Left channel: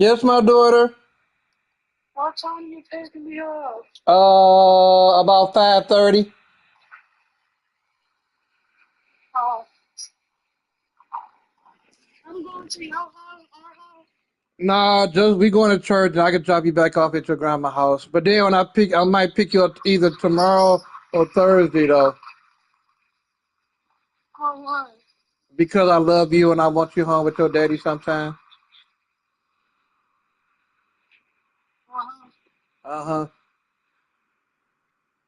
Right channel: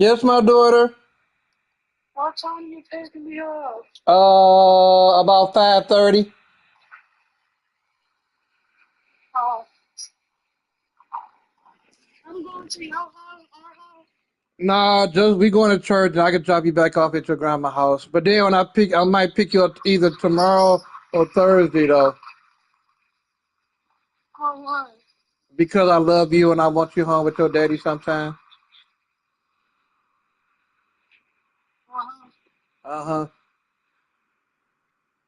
Yes, my daughter. What time you picking me up? About 5:30. Oh, I'm going to your house, our house. Nah, just we going to church and I can drop you back off at your grandma's house. But then when I might pick you up either tomorrow or Thursday though, For what? because I love you and I want you home with your daddy sometime. Uh-huh. Uh huh.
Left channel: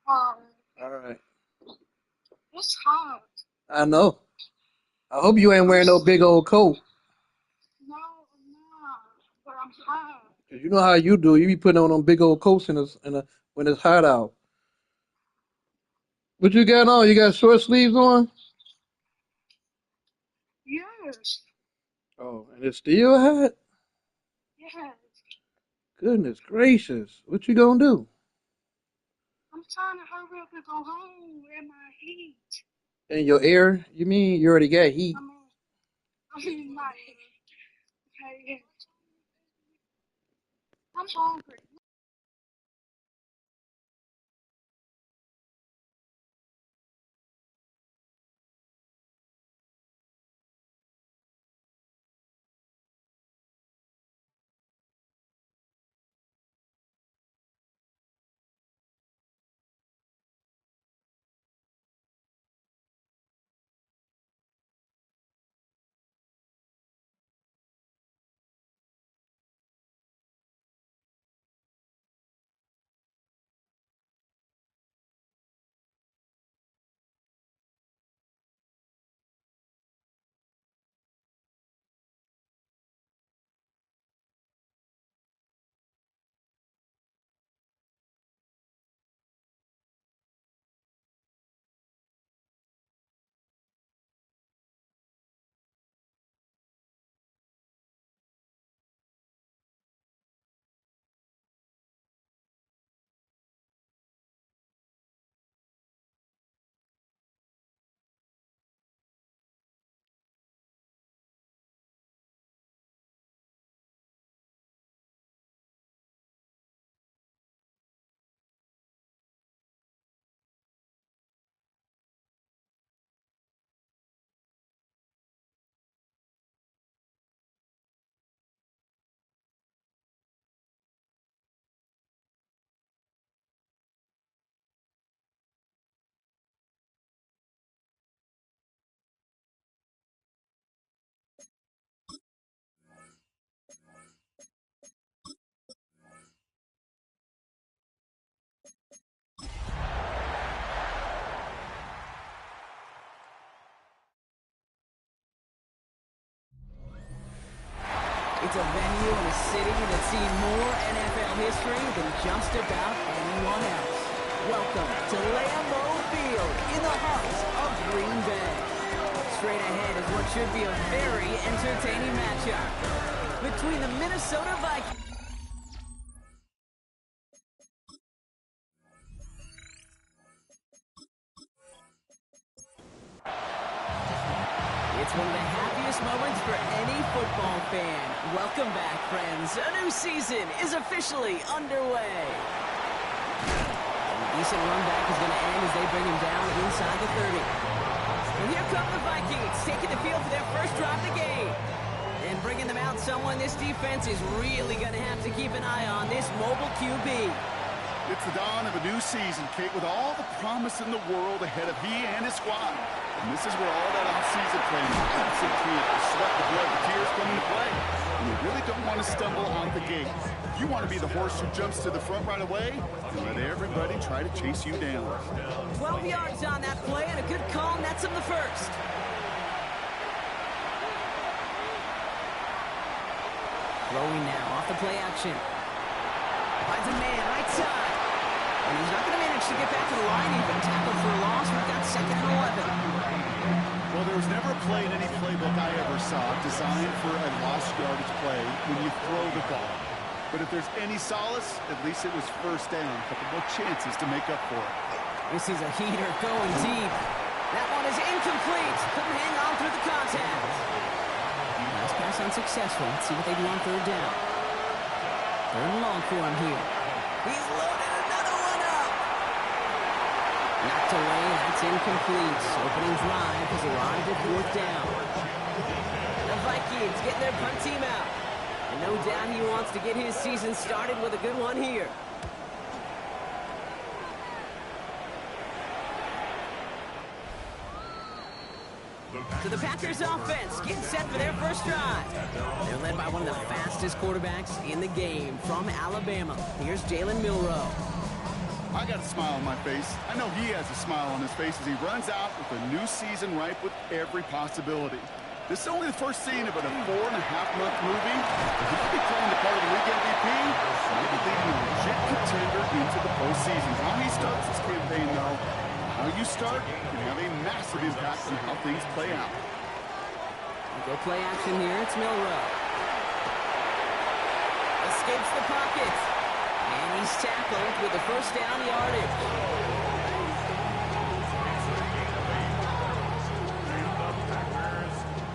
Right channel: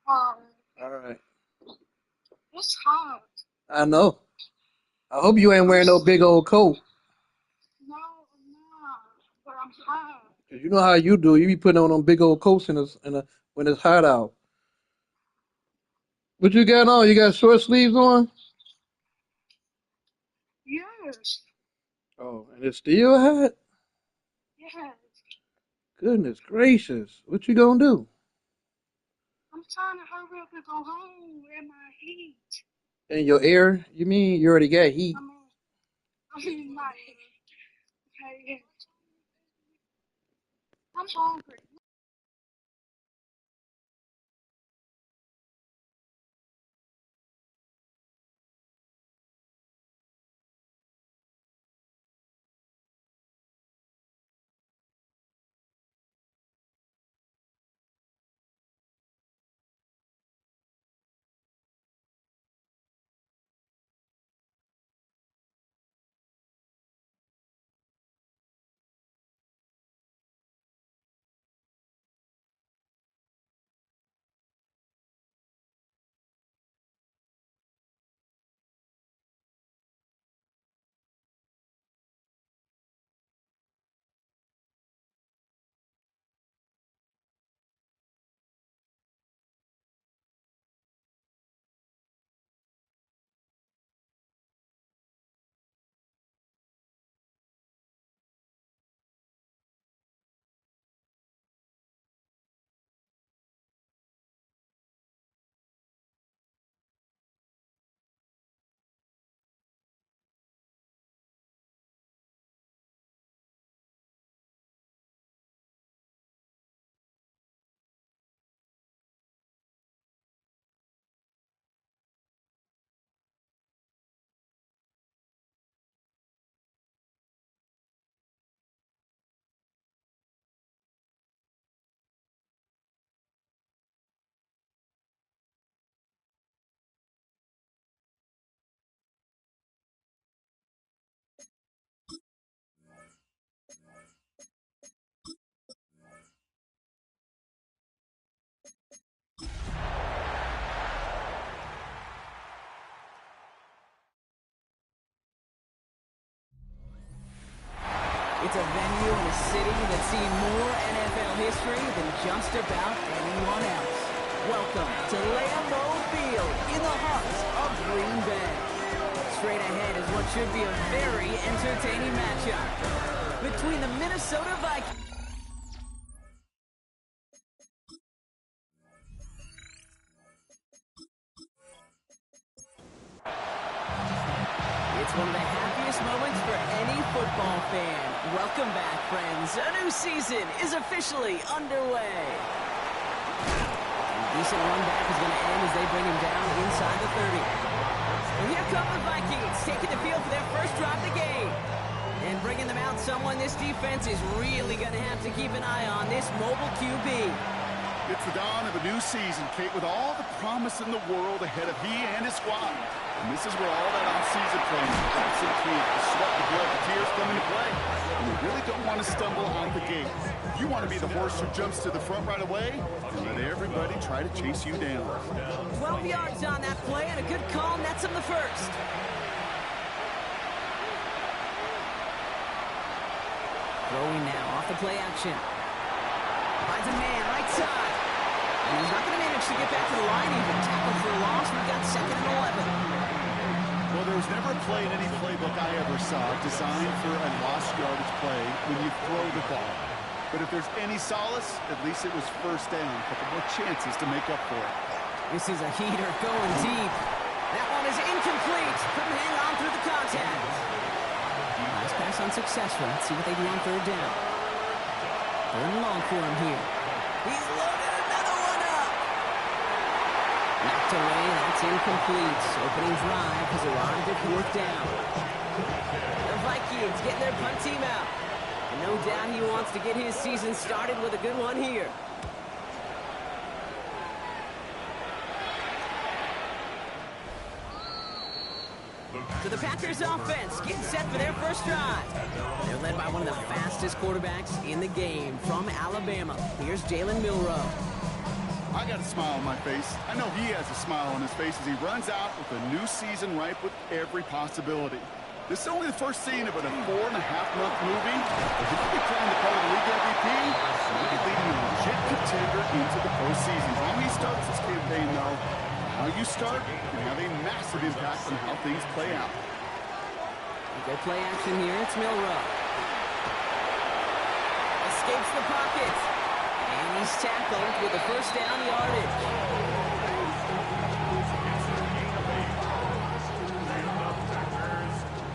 Um, All right. it's hot. I know. I hope you ain't I'm wearing no s- big old coat. no, I'm not. But I'm hot. 'Cause you know how you do. You be putting on them big old coats when it's hot out. What you got on? You got short sleeves on? Yes. Oh, and it's still hot? Yes. Goodness gracious. What you gonna do? I'm trying to hurry up and go home in my heat. In your air? You mean you already got heat? I'm in, I'm in my heat. Okay. I'm hungry. It's a venue in a city that's seen more NFL history than just about anyone else. Welcome to Lambeau Field in the heart of Green Bay. Straight ahead is what should be a very entertaining matchup between the Minnesota Vikings. It's one of the happiest moments for any football fan. Welcome back, friends. A new season is officially underway. A decent run back is going to end as they bring him down inside the 30. And here come the Vikings, taking the field for their first drive of the game. And bringing them out someone this defense is really going to have to keep an eye on, this mobile QB. It's the dawn of a new season, Kate, with all the promise in the world ahead of he and his squad. And this is where all that off-season planning, that's the key, the sweat, the blood, the tears come into play. And you really don't want to stumble out the gate. You want to be the horse who jumps to the front right away and let everybody try to chase you down. 12 yards on that play, and a good call nets him the first. Throwing now off the play action. Finds a man right side. And he's not going to manage to get back to the line even. Tackle for a loss. We've got 2nd and 11. Well, there was never a play in any playbook I ever saw designed for a lost yardage play when you throw the ball. But if there's any solace, at least it was first down. A couple more chances to make up for it. This is a heater going deep. That one is incomplete. Couldn't hang on through the contact. Last pass unsuccessful. Let's see what they do on 3rd down. Third and long for him here. He's loaded another one up. Knocked away, that's incomplete. Opening drive has arrived at fourth down. The Vikings getting their punt team out. And no doubt he wants to get his season started with a good one here. So the Packers offense getting set for their first drive. They're led by one of the fastest quarterbacks in the game from Alabama. Here's Jalen Milroe. I got a smile on my face. I know he has a smile on his face as he runs out with a new season ripe with every possibility. This is only the first scene of a 4.5-month movie, but he could be playing the part of the league MVP, maybe leading a legit contender into the postseason. How he starts this campaign, though, how you start can have a massive impact on how things play out. Go play action here. It's Milroe. Escapes the pocket. And he's tackled with the first down yardage.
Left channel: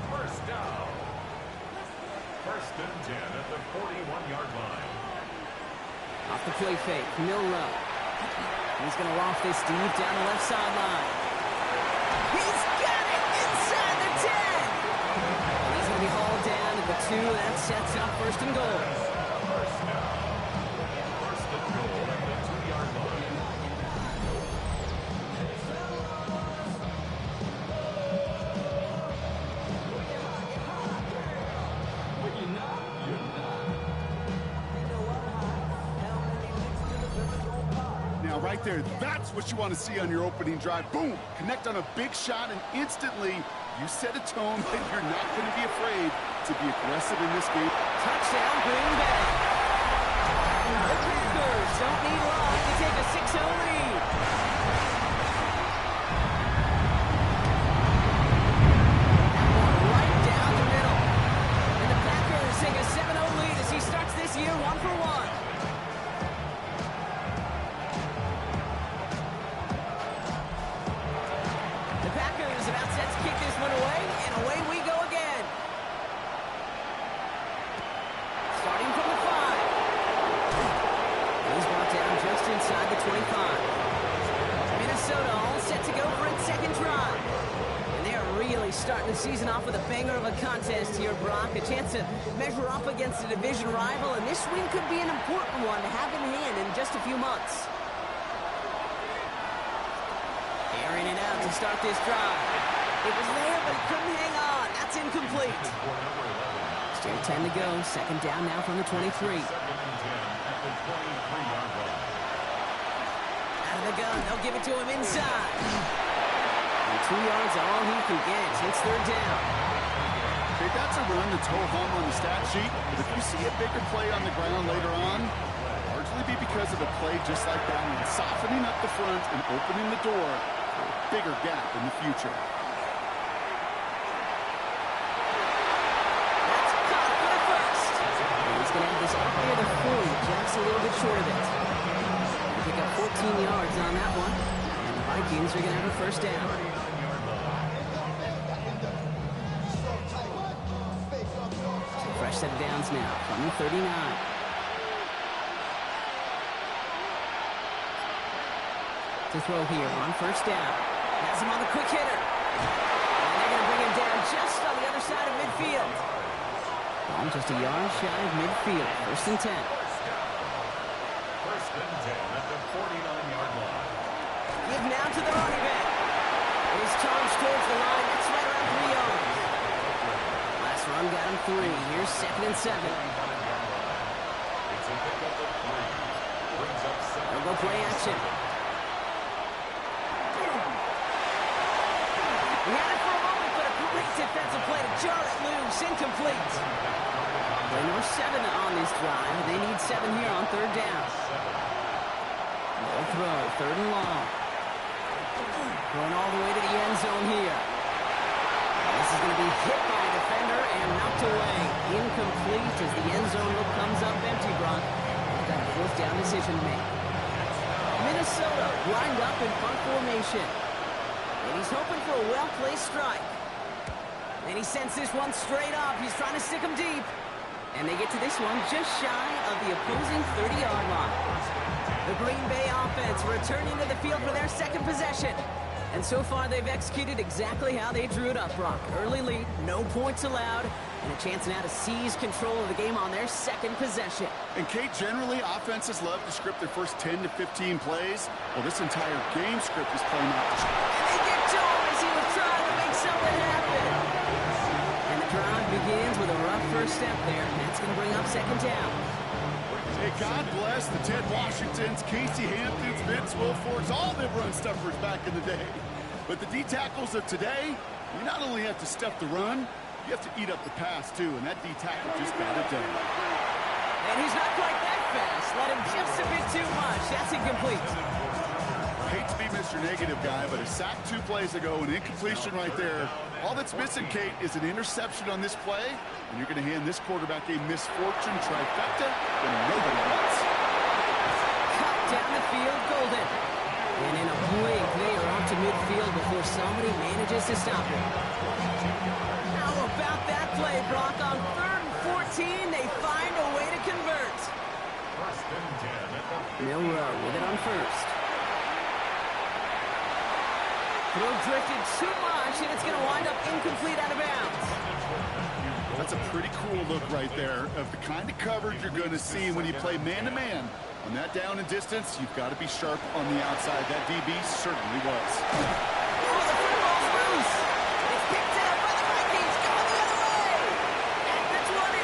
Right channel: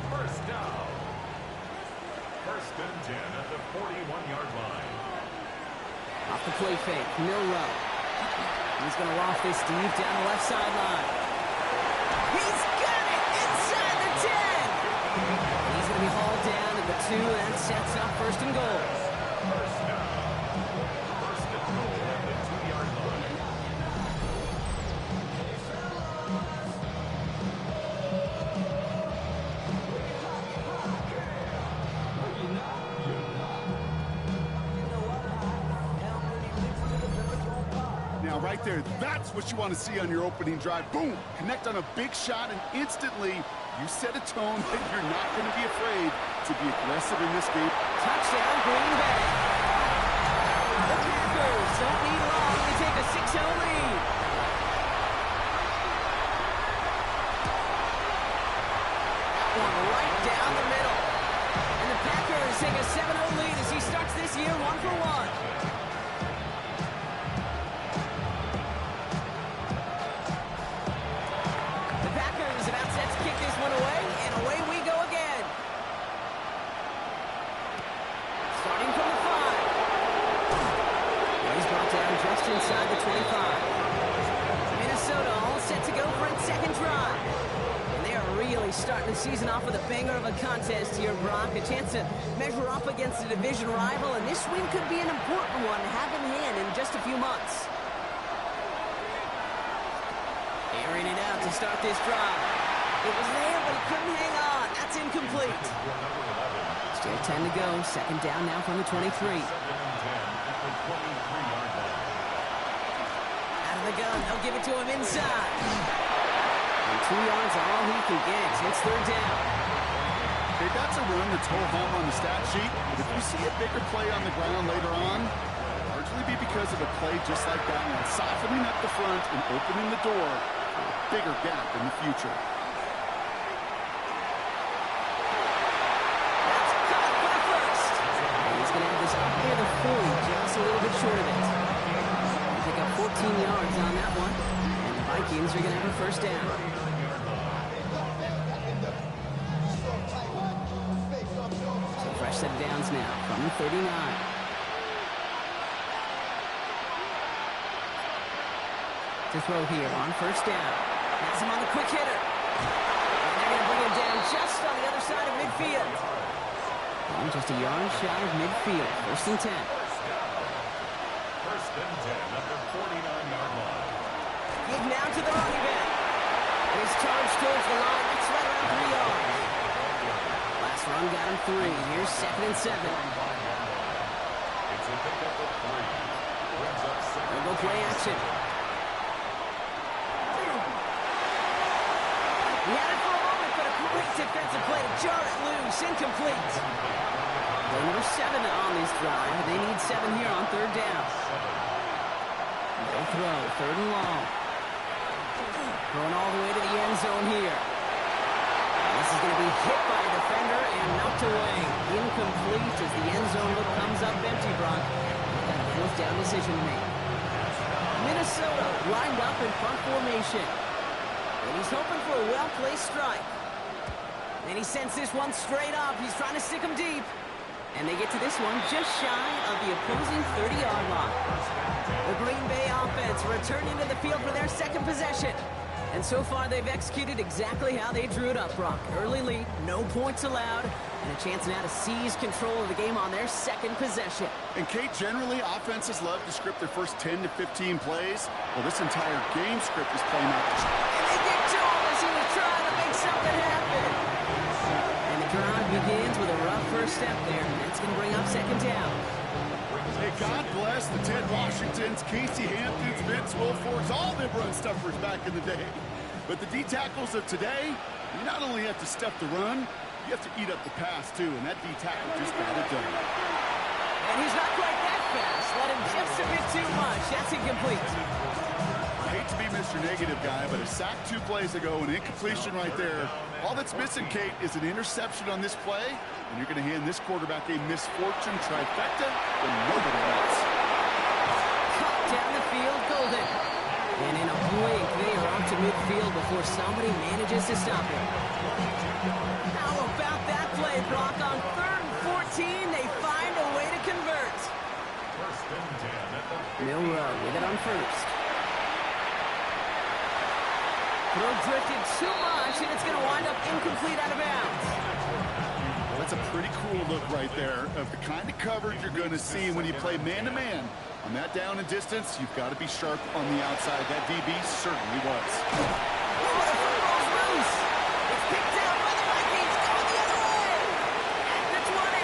First down. First and 10 at the 41-yard line. Off the play fake, Milroe. He's going to loft this deep down the left sideline. He's got it inside the 10. And he's going to be hauled down at the 2. That sets up first and goal. First down. First and goal at the 2-yard line. Now, right there, that's what you want to see on your opening drive. Boom! Connect on a big shot, and instantly you set a tone that you're not going to be afraid to be aggressive in this game. Touchdown, Green Bay. The Packers don't need long to take a 6-0 lead. That one right down the middle. And the Packers take a 7-0 lead as he starts this year 1-for-1. The Packers about set to kick this one away, and away we go again. Starting from the 5. And he's brought down just inside the 25. Minnesota all set to go for its second drive. And they are really starting the season off with a banger of a contest here, Brock. A chance to measure up against a division rival, and this win could be an important one to have in hand in just a few months. Airing it out to start this drive. It was there, but he couldn't hang on. That's incomplete. Still 10 to go. Second down now from the 23. Second and 10 at the 23-yard line. Out of the gun. They'll give it to him inside. And 2 yards are all he can get. It's third down. Okay, that's a run that's ho-hum on the stat sheet, but if you see a bigger play on the ground later on, it'll largely be because of a play just like that one, softening up the front and opening the door for a bigger gap in the future. That's caught for the first. And he's going to have this up near the 40, just a little bit short of it. They pick up 14 yards on that one, and the Vikings are going to have a first down. So fresh set of downs now from the 39. To throw here on first down. Has him on the quick hitter. And they're going to bring him down just on the other side of midfield. Ball just a yard shy of midfield. First and 10. First and 10 at the 49-yard line. Give now to the running back. And he's charged towards the line. That's right around 3 yards. Last run got him 3. Here's second and 7. It's a pickup of 3. Brings up second. They'll go play action. He had it for a moment, but a great defensive play to jar it loose. Incomplete. Play number 7 on this drive, and they need 7 here on third down. They'll throw, third and long. Going all the way to the end zone here. This is going to be hit by a defender and knocked away. Incomplete as the end zone look comes up empty, Brock. They've got a fourth down decision to make. Minnesota lined up in punt formation. And he's hoping for a well-placed strike. And he sends this one straight up. He's trying to stick him deep. And they get to this one just shy of the opposing 30-yard line. The Green Bay offense returning to the field for their second possession. And so far, they've executed exactly how they drew it up, Brock. Early lead, no points allowed, and a chance now to seize control of the game on their second possession. And Kate, generally, offenses love to script their first 10 to 15 plays. Well, this entire game script is playing out. And they get to him as he was trying to make something happen. And the drive begins with a rough first step there, and that's going to bring up second down. Hey, God bless the Ted Washingtons, Casey Hamptons, Vince Wilforks, all them run stuffers back in the day. But the D-tackles of today, you not only have to stuff the run, you have to eat up the pass, too, and that D-tackle just got it done. And he's not quite that fast. Let him just a bit too much. That's incomplete. I hate to be Mr. Negative guy, but a sack 2 plays ago, an incompletion right there. All that's missing, Kate, is an interception on this play, and you're going to hand this quarterback a misfortune trifecta that nobody wants. Cut down the field, Golden. And in a blink, they are out to midfield before somebody manages to stop him. How about that play, Brock? On 3rd and 14, they find a way to convert. 1st and 10 at the Milroe with it on first. Throw drifted too much, and it's going to wind up incomplete out of bounds. That's a pretty cool look right there of the kind of coverage you're going to see when you play man-to-man. On that down and distance, you've got to be sharp on the outside. That DB certainly was. Oh, the football's loose. It's picked out by the Vikings, going the other way. At the 20.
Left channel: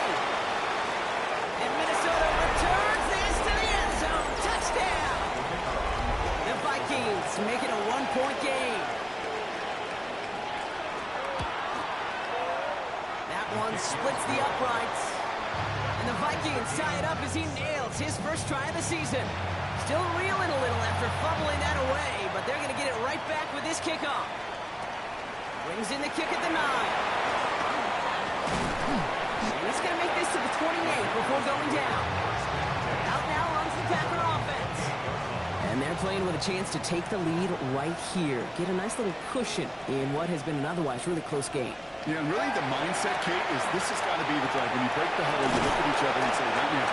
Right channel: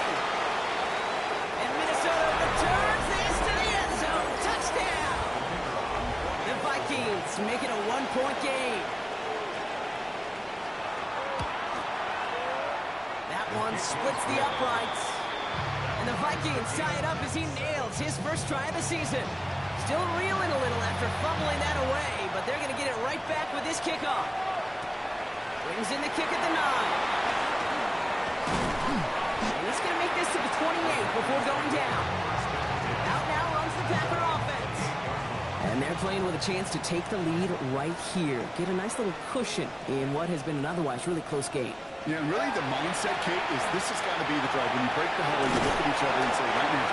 And Minnesota returns this to the end zone. Touchdown. The Vikings make it a 1-point game. That one splits the uprights. And the Vikings tie it up as he nails his first try of the season. Still reeling a little after fumbling that away, but they're going to get it right back with this kickoff. Brings in the kick at the 9. And he's going to make this to the 28 before going down. Out now runs the Packer offense. And they're playing with a chance to take the lead right here. Get a nice little cushion in what has been an otherwise really close game. Yeah, and really the mindset, Kate, is this has got to be the drive. When you break the huddle, you look at each other and say, right now,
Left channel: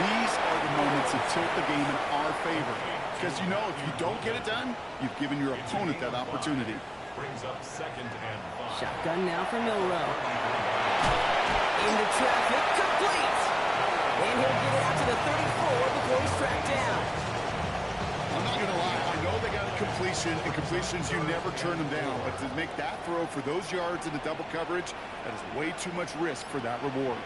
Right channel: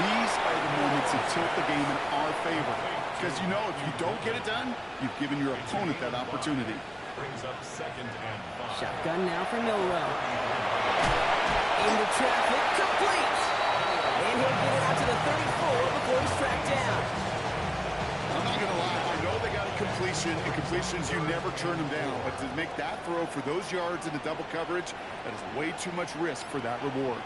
these are the moments that tilt the game in our favor. Because you know if you don't get it done, you've given your opponent that opportunity. brings up 2nd and 5. Shotgun now for Milroe. Into traffic, complete. And he'll get it out to the 34 before he's tracked down. I'm not going to lie. I know they got a completion, and completions, you never turn them down. But to make that throw for those yards into double coverage, that is way too much risk for that reward.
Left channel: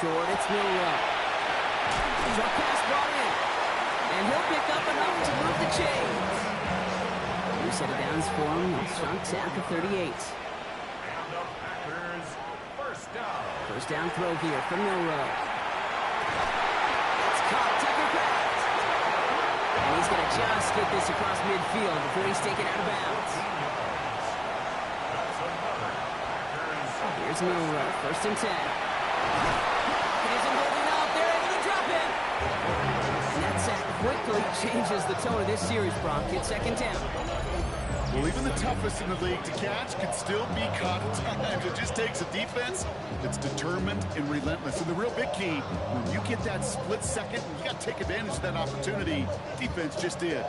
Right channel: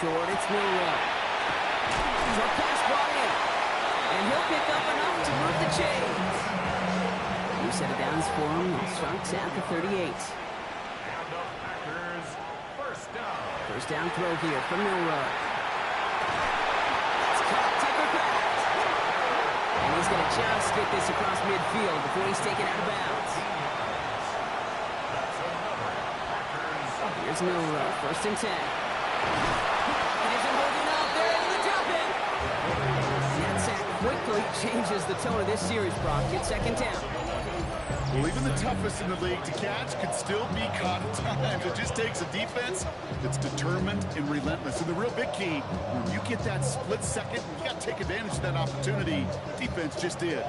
Short, it's Milroe. Short pass brought in. And he'll pick up enough to move the chains. New set of downs for him. Sharks at the 38. And the Packers, 1st down. First down throw here from Milroe. It's caught, Tucker Kraft. And he's going to just get this across midfield before he's taken out of bounds. That's another Packers. Here's Milroe, 1st and 10. It isn't holding up. They're able to drop it. And that sack quickly changes the tone of this series, Brock. It's 2nd down. Well, even the toughest in the league to catch can still be caught at times. It just takes a defense that's determined and relentless. And the real big key, when you get that split second, you got to take advantage of that opportunity. Defense just did.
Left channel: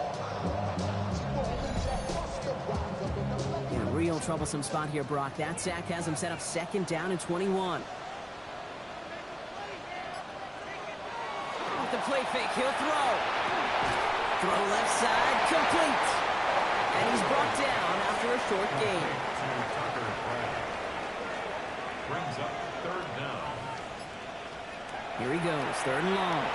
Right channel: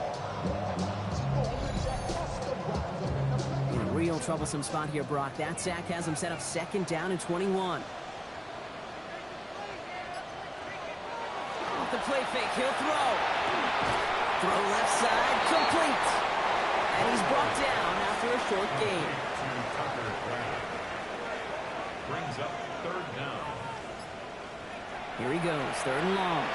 In a real troublesome spot here, Brock. That sack has him set up 2nd down and 21. Off the play fake, he'll throw. Throw left side, complete. And he's brought down after a short gain. To Tucker Kraft. Brings up 3rd down. Here he goes, 3rd and long.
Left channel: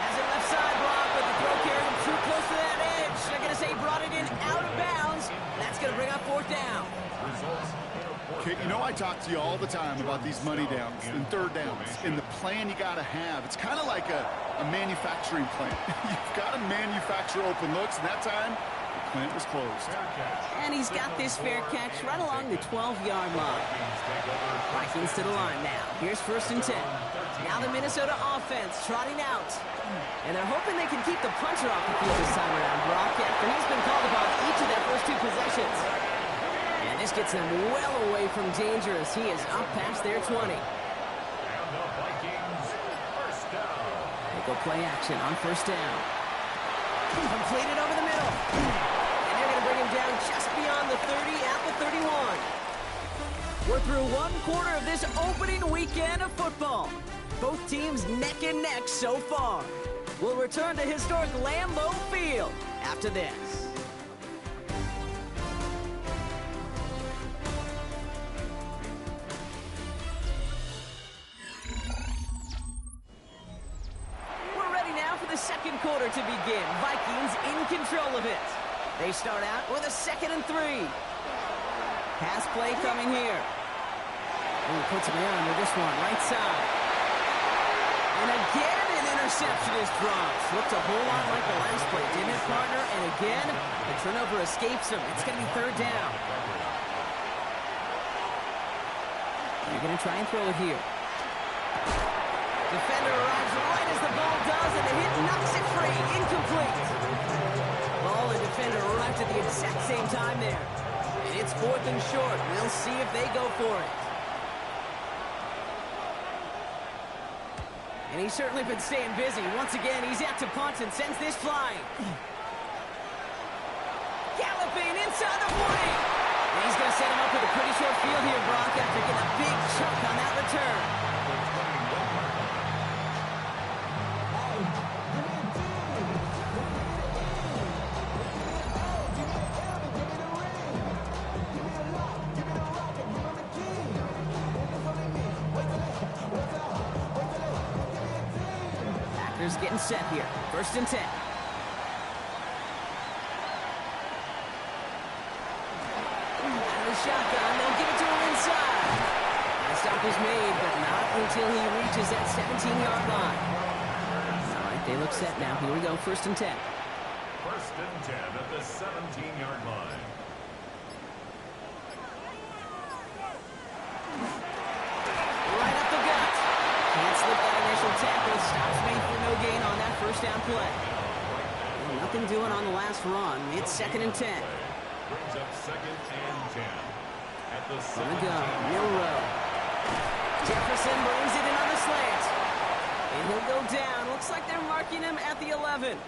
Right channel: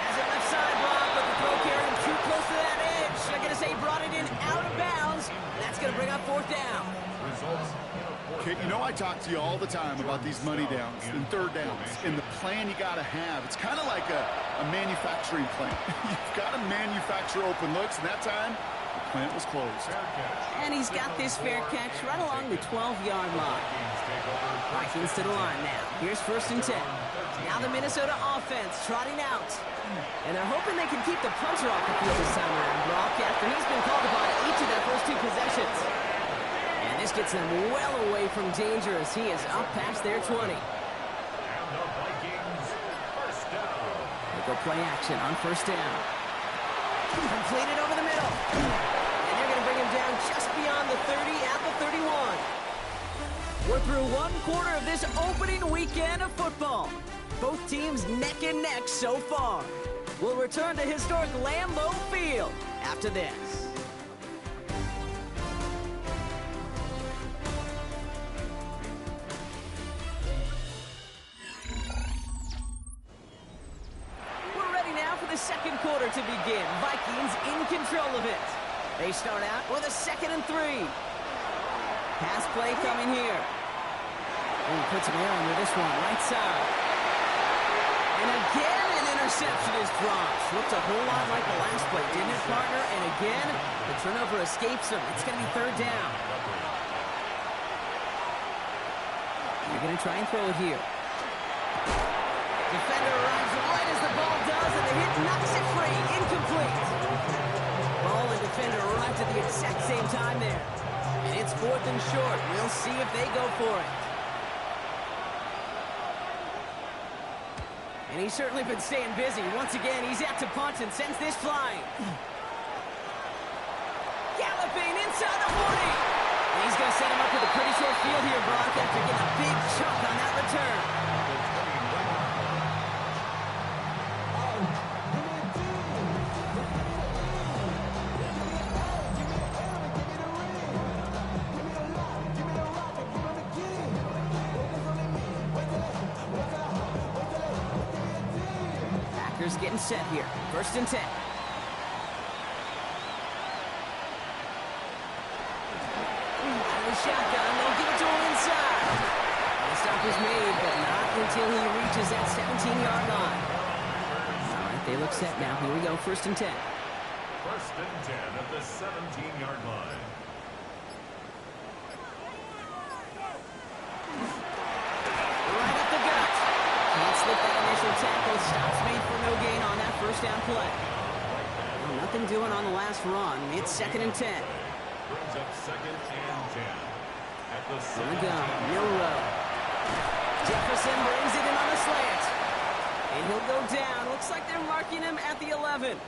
Has it left side block, but the throw carried him too close to that edge. I'm going to say he brought it in out of bounds. That's going to bring up 4th down. Results in a 4th Okay, you know I talk to you all the time about these money downs and 3rd downs and the plan you got to have. It's kind of like a manufacturing plant. You've got to manufacture open looks, and that time the plant was closed. fair catch. And he's got this fair catch right along the 12-yard line. Vikings take over. Vikings to the line now. Here's 1st and 10. Now the Minnesota offense trotting out. And they're hoping they can keep the punter off the field this time around, Brock, after he's been called upon each of their first 2 possessions. And This gets them well away from danger as he is up past their 20. And the Vikings, first down. They go play action on first down. Completed over the middle. And they're going to bring him down just beyond the 30 at the 31. We're through one quarter of this opening weekend of football. Both teams neck and neck so far. We'll return to historic Lambeau Field after this. We're ready now for the second quarter to begin. Vikings in control of it. They start out with a 2nd and 3. Pass play coming here. And he puts him air under this one, right side. And again, an interception is dropped. Looked a whole lot like the last play, didn't it, partner? And again, the turnover escapes him. It's going to be third down. They're going to try and throw it here. Defender arrives right as the ball does, and the hit knocks it free. Incomplete. Ball and defender arrived at the exact same time there. And it's 4th and short. We'll see if they go for it. And he's certainly been staying busy. Once again, he's out to punt and sends this flying. Galloping inside the 40. And he's going to set him up with a pretty short field here, Brock, after getting a big chunk on that return. Packers getting set here. 1st and 10. Out of the shotgun, they'll give it to him inside. And the stop is made, but not until he reaches that 17-yard line. All right, they look set now. Here we go, 1st and 10. 1st and 10 at the 17-yard line. Right up the gut. Can't slip that initial tackle. Stops made for no gain on that first down play. Well, nothing doing on the last run. It's 2nd and 10. Brings up 2nd and 10 at the On the 17. gun, Milrow. Jefferson brings it in on the slant. And he'll go down. Looks like they're marking him at the 11.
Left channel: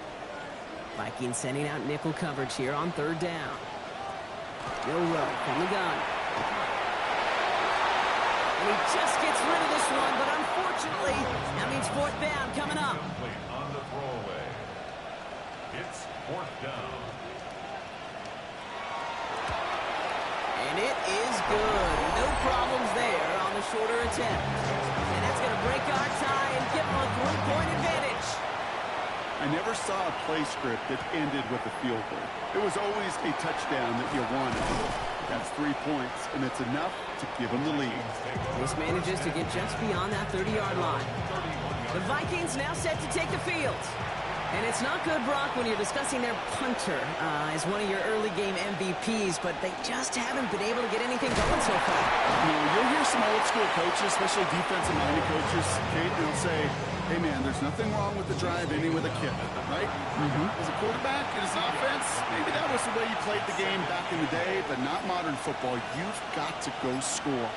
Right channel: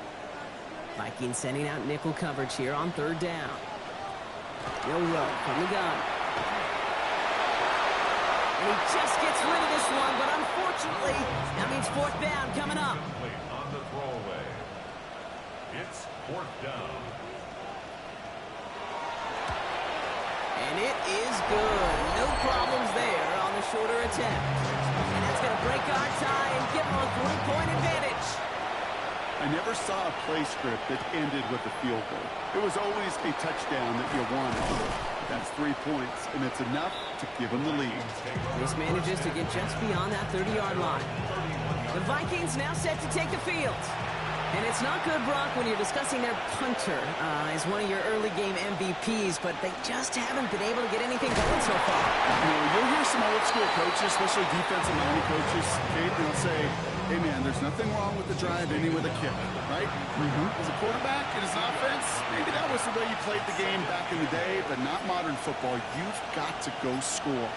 Vikings sending out nickel coverage here on 3rd down. Milrow from the gun. And he just gets rid of this one, but unfortunately, that means 4th down coming up. Complete on the throwaway. It's 4th down. And it is good. No problems there on the shorter attempt. And that's going to break our tie and give them a 3-point advantage. I never saw a play script that ended with a field goal. It was always a touchdown that you wanted. That's 3 points, and it's enough to give them the lead. This manages to get just beyond that 30-yard line. The Vikings now set to take the field. And it's not good, Brock, when you're discussing their punter as one of your early game MVPs, but they just haven't been able to get anything going so far. You know, you'll hear some old school coaches, especially defensive-minded coaches, Kate, they'll say, hey, man, there's nothing wrong with the drive ending with a kick, right? As a quarterback in his offense, maybe that was the way you played the game back in the day, but not modern football. You've got to go score.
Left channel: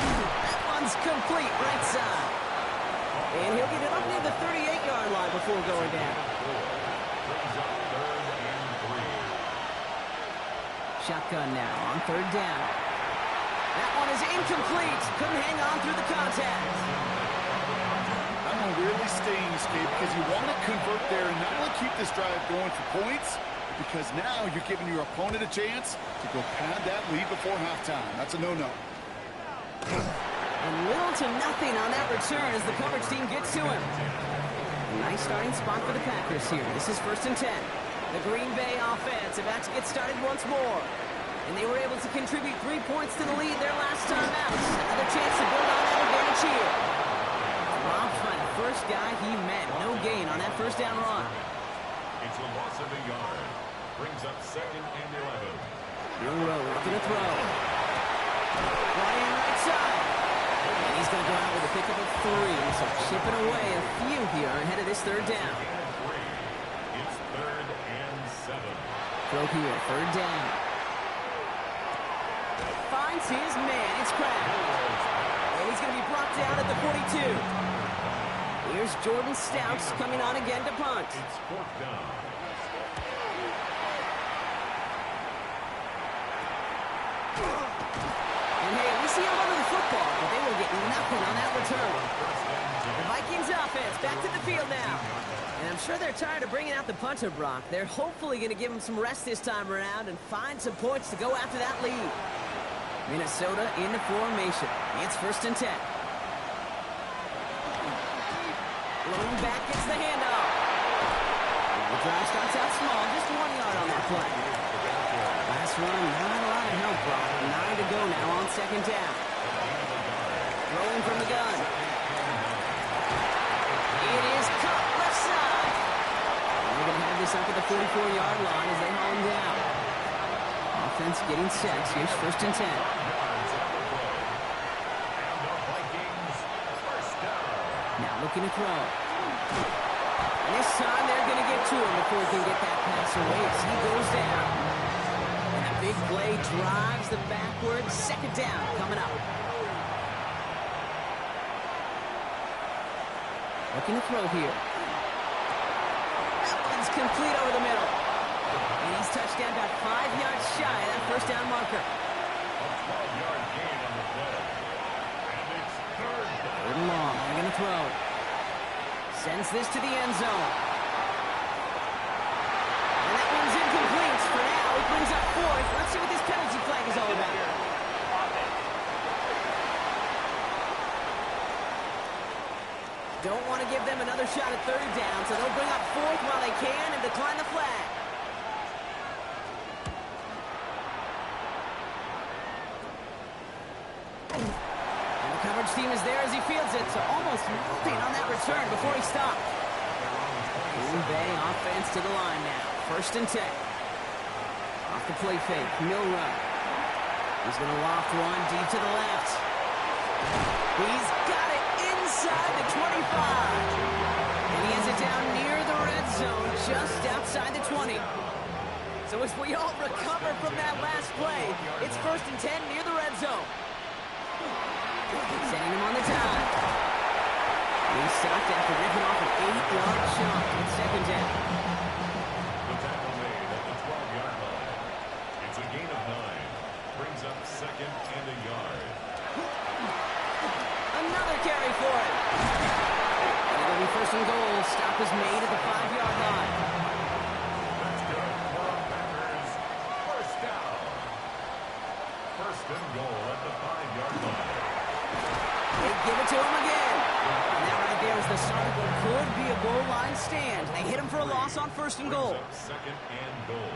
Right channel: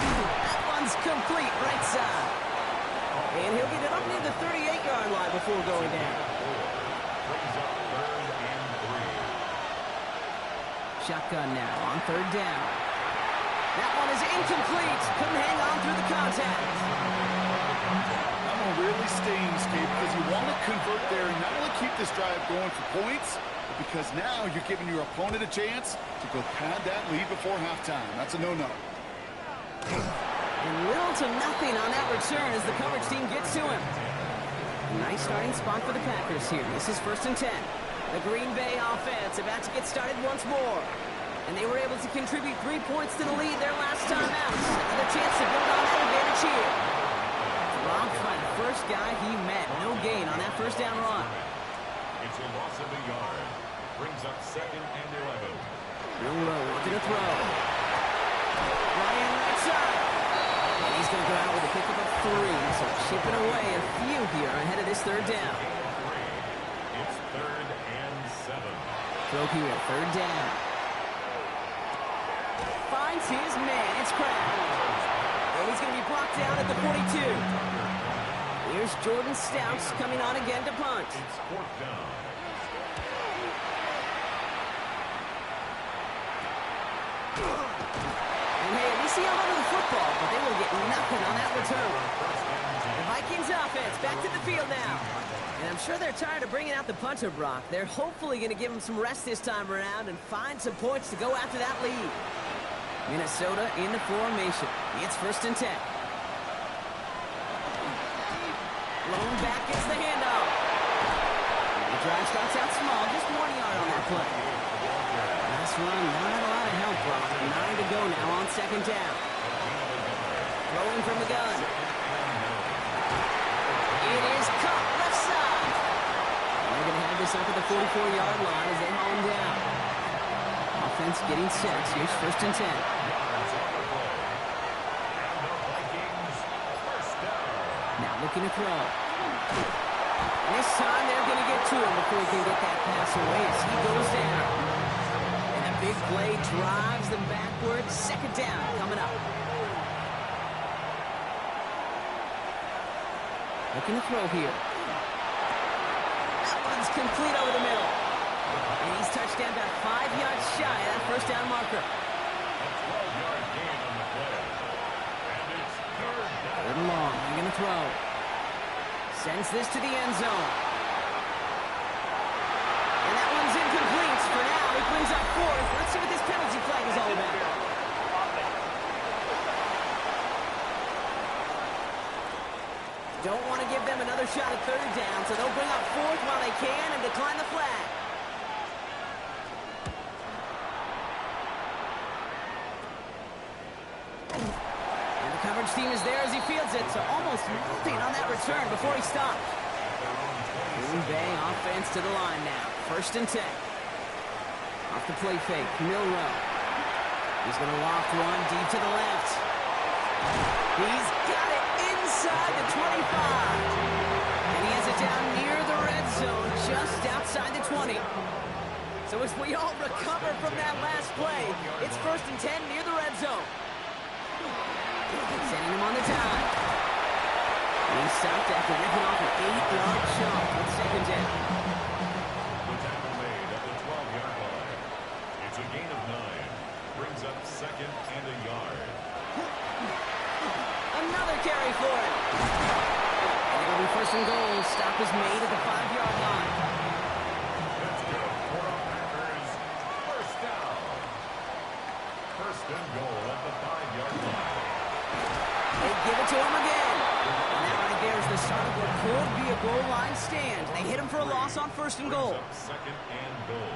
That one's complete right side. And he'll get it up near the 38-yard line before going down. Brings up 3rd and 3. Shotgun now on 3rd down. That one is incomplete. Couldn't hang on through the contact. That one really stings, Kate, because you want to convert there and not only keep this drive going for points, but because now you're giving your opponent a chance to go pad that lead before halftime. That's a no-no. And little to nothing on that return as the coverage team gets to him. A nice starting spot for the Packers here. This is 1st and 10. The Green Bay offense about to get started once more. And they were able to contribute 3 points to the lead their last time out. Another chance to build on that advantage here. Dropped by the first guy he met. No gain on that first down run. It's a loss of a yard. Brings up 2nd and 11. Milrow looking to throw. Brought in right side. And he's going to go out with a pickup of 3. So chipping away a few here ahead of this 3rd down. It's 3rd and 7. Throw here, 3rd down. Finds his man. It's Kraft. And he's going to be brought down at the 42. Here's Jordan Stouts coming on again to punt. It's fourth down. And hey, at least he held onto the football, but they will get nothing on that return. The Vikings offense back to the field now. And I'm sure they're tired of bringing out the punter, Brock. They're hopefully going to give him some rest this time around and find some points to go after that lead. Minnesota in the formation. It's 1st and 10. Lone back gets the handoff. The drive starts out small, just 1 yard on that play. Last run, not a lot of help, Brock. 9 to go now on 2nd down. Throwing from the gun. It is Kupp, left side. And they're going to have this up at the 44-yard line as they haul him down. Offense getting set. Here's 1st and 10. Now looking to throw. And this time they're going to get to him before he can get that pass away as he goes down. And a big play drives them backwards. 2nd down coming up. Looking to throw here. That one's complete over the middle. And he's touched down about 5 yards shy of that 1st down marker. A 12-yard gain on the play. And it's 3rd down. 3rd and long. They're going to throw. Sends this to the end zone. And that one's incomplete. For now, he brings up 4th. Let's see what this penalty flag is all about. Don't want to give them another shot at 3rd down, so they'll bring up 4th while they can and decline the flag. And the coverage team is there as he fields it, so almost nothing on that return before he stopped. Green Bay offense to the line now. 1st and 10. Off the play fake, Milroe. He's going to loft one deep to the left. He's got it inside the 25. And he has it down near the red zone, just outside the 20. So as we all recover from that last play, it's 1st and 10 near the red zone. Sending him on the time. And he stopped after ripping off an 8-yard chunk with 2nd down. The tackle made at the 12-yard line. It's a gain of 9. Brings up 2nd and a yard. Another carry for him. And it'll be 1st and goal. Stop is made at the 5-yard line. That's good for our Packers. 1st down. 1st and goal at the 5-yard line. They give it to him again. And that right there is the start of what could be a goal line stand. They hit him for a loss on 1st and goal. Brings up 2nd and goal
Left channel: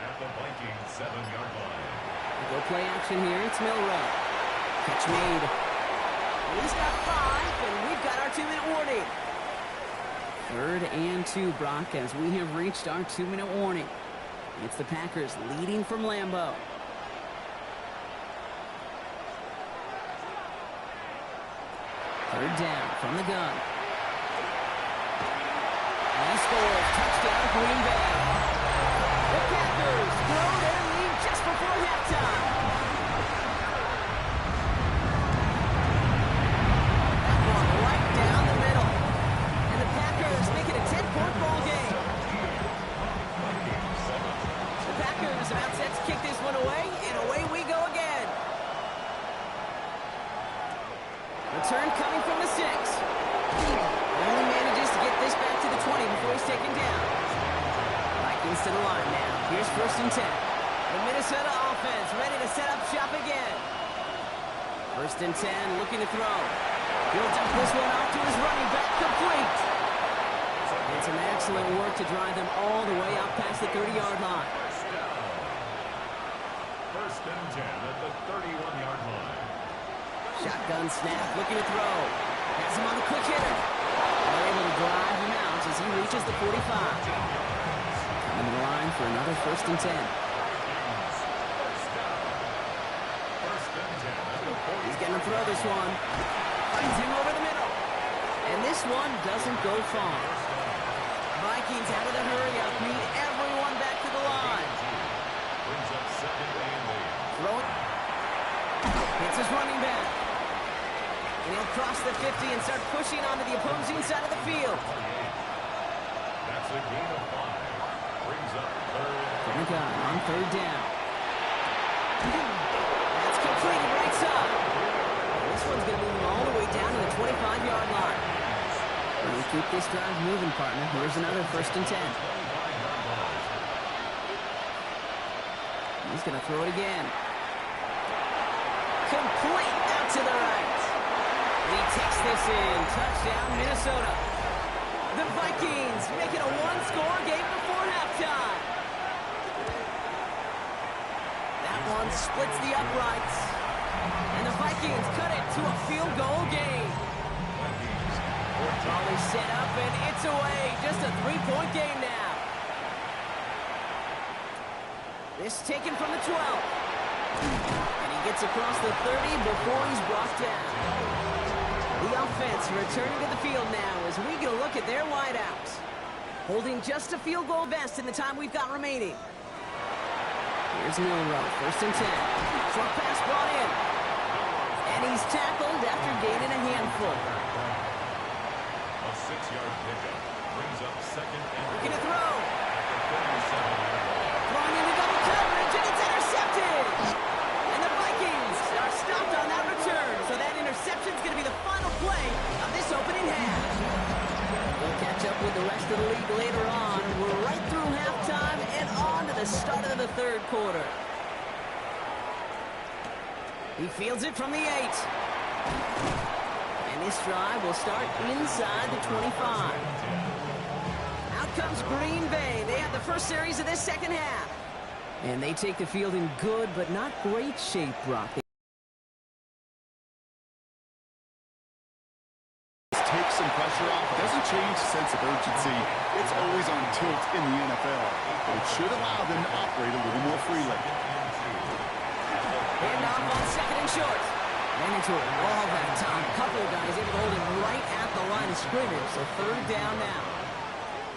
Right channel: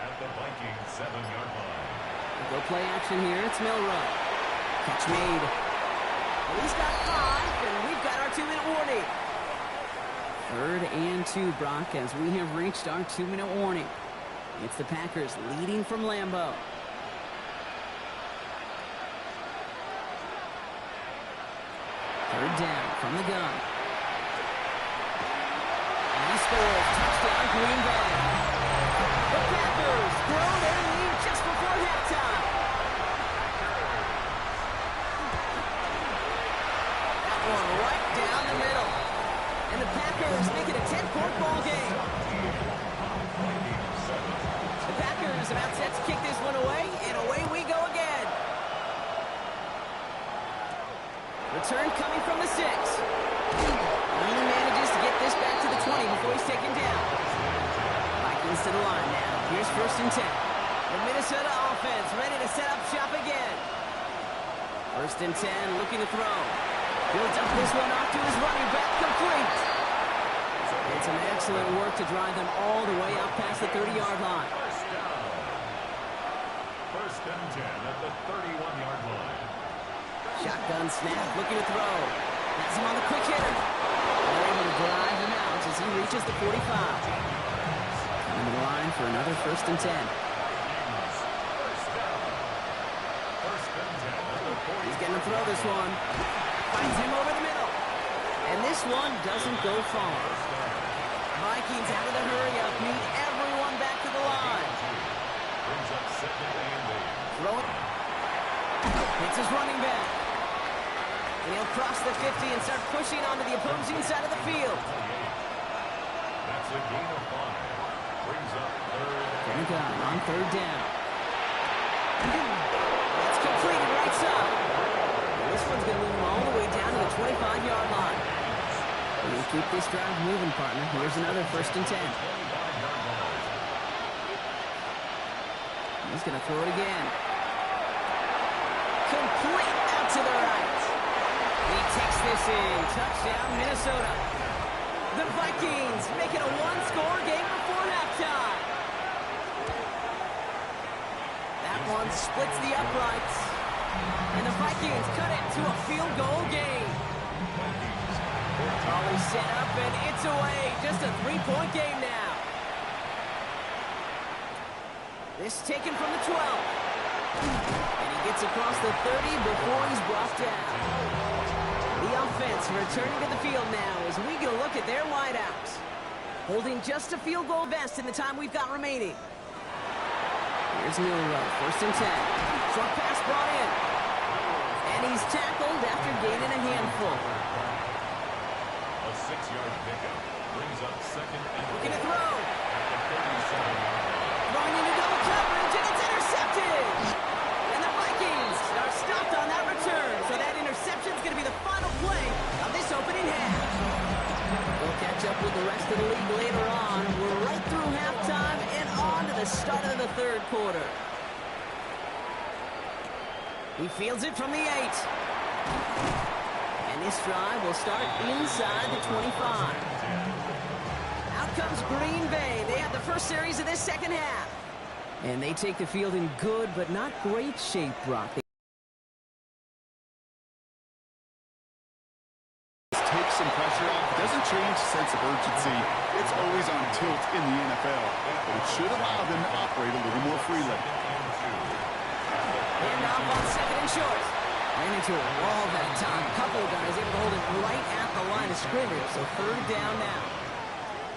at the Vikings 7-yard line. Go play action here. It's Milroe. Catch made. And he's got 5, and we've got our 2-minute warning. 3rd and 2, Brock, as we have reached our 2-minute warning. It's the Packers leading from Lambeau. Third down from the gun. And he scores. Touchdown, Green Bay. The Packers throw their lead just before halftime. That one right down the middle. And the Packers make it a 10-point ball game. The Packers about set to kick this one away, and away we go again. Return coming from the 6. Only manages to get this back to the 20 before he's taken down. Vikings to the line now. Here's 1st and 10. The Minnesota offense ready to set up shop again. 1st and 10, looking to throw. He'll dump this one off to his running back, complete. And some excellent work to drive them all the way out past the 30-yard line. 1st down. 1st and 10 at the 31-yard line. Shotgun snap, looking to throw. Has him on the quick hitter. And they're able to drive him out as he reaches the 45. Coming to the line for another 1st and 10. He's going to throw this one. Finds him over the middle. And this one doesn't go far. Vikings out of the hurry-up, need everyone back to the line. Brings up 2nd and 8. Throwing. Hits his running back. And he'll cross the 50 and start pushing onto the opposing side of the field. That's a gain of 5. Brings up third. From the gun on third down. That's completed right side. And this one's going to move him all the way down to the 25-yard line. When you keep this drive moving, partner, here's another 1st and 10. He's going to throw it again. Complete out to the right. He takes this in. Touchdown, Minnesota. The Vikings making a one-score game before halftime. That one splits the uprights. And the Vikings cut it to a field goal game. Volley set up, and it's away. Just a 3-point game now. This taken from the 12. And he gets across the 30 before he's brought down. The offense returning to the field now as we get a look at their wideouts. Holding just a field goal best in the time we've got remaining. Here's Milroe, 1st and 10. Short pass brought in. And he's tackled after gaining a handful. A 6-yard pickup brings up 2nd and 4. Looking to throw. At the 37-yard line. Throwing into double coverage, and it's intercepted. And the Vikings are stopped on that return. So that interception's going to be the final play of this opening half. We'll catch up with the rest of the league later on. We're right through halftime and on to the start of the 3rd quarter. He fields it from the 8. And this drive will start inside the 25. Out comes Green Bay. They have the first series of this 2nd half. And they take the field in good but not great shape, Brock. Takes some pressure off. It doesn't change the sense of urgency. It's always on tilt in the NFL. But it should allow them to operate a little more freely. Hand off on 2nd and short. Ran into a wall that time. Couple of guys able to hold it right at the line of scrimmage. So 3rd down now.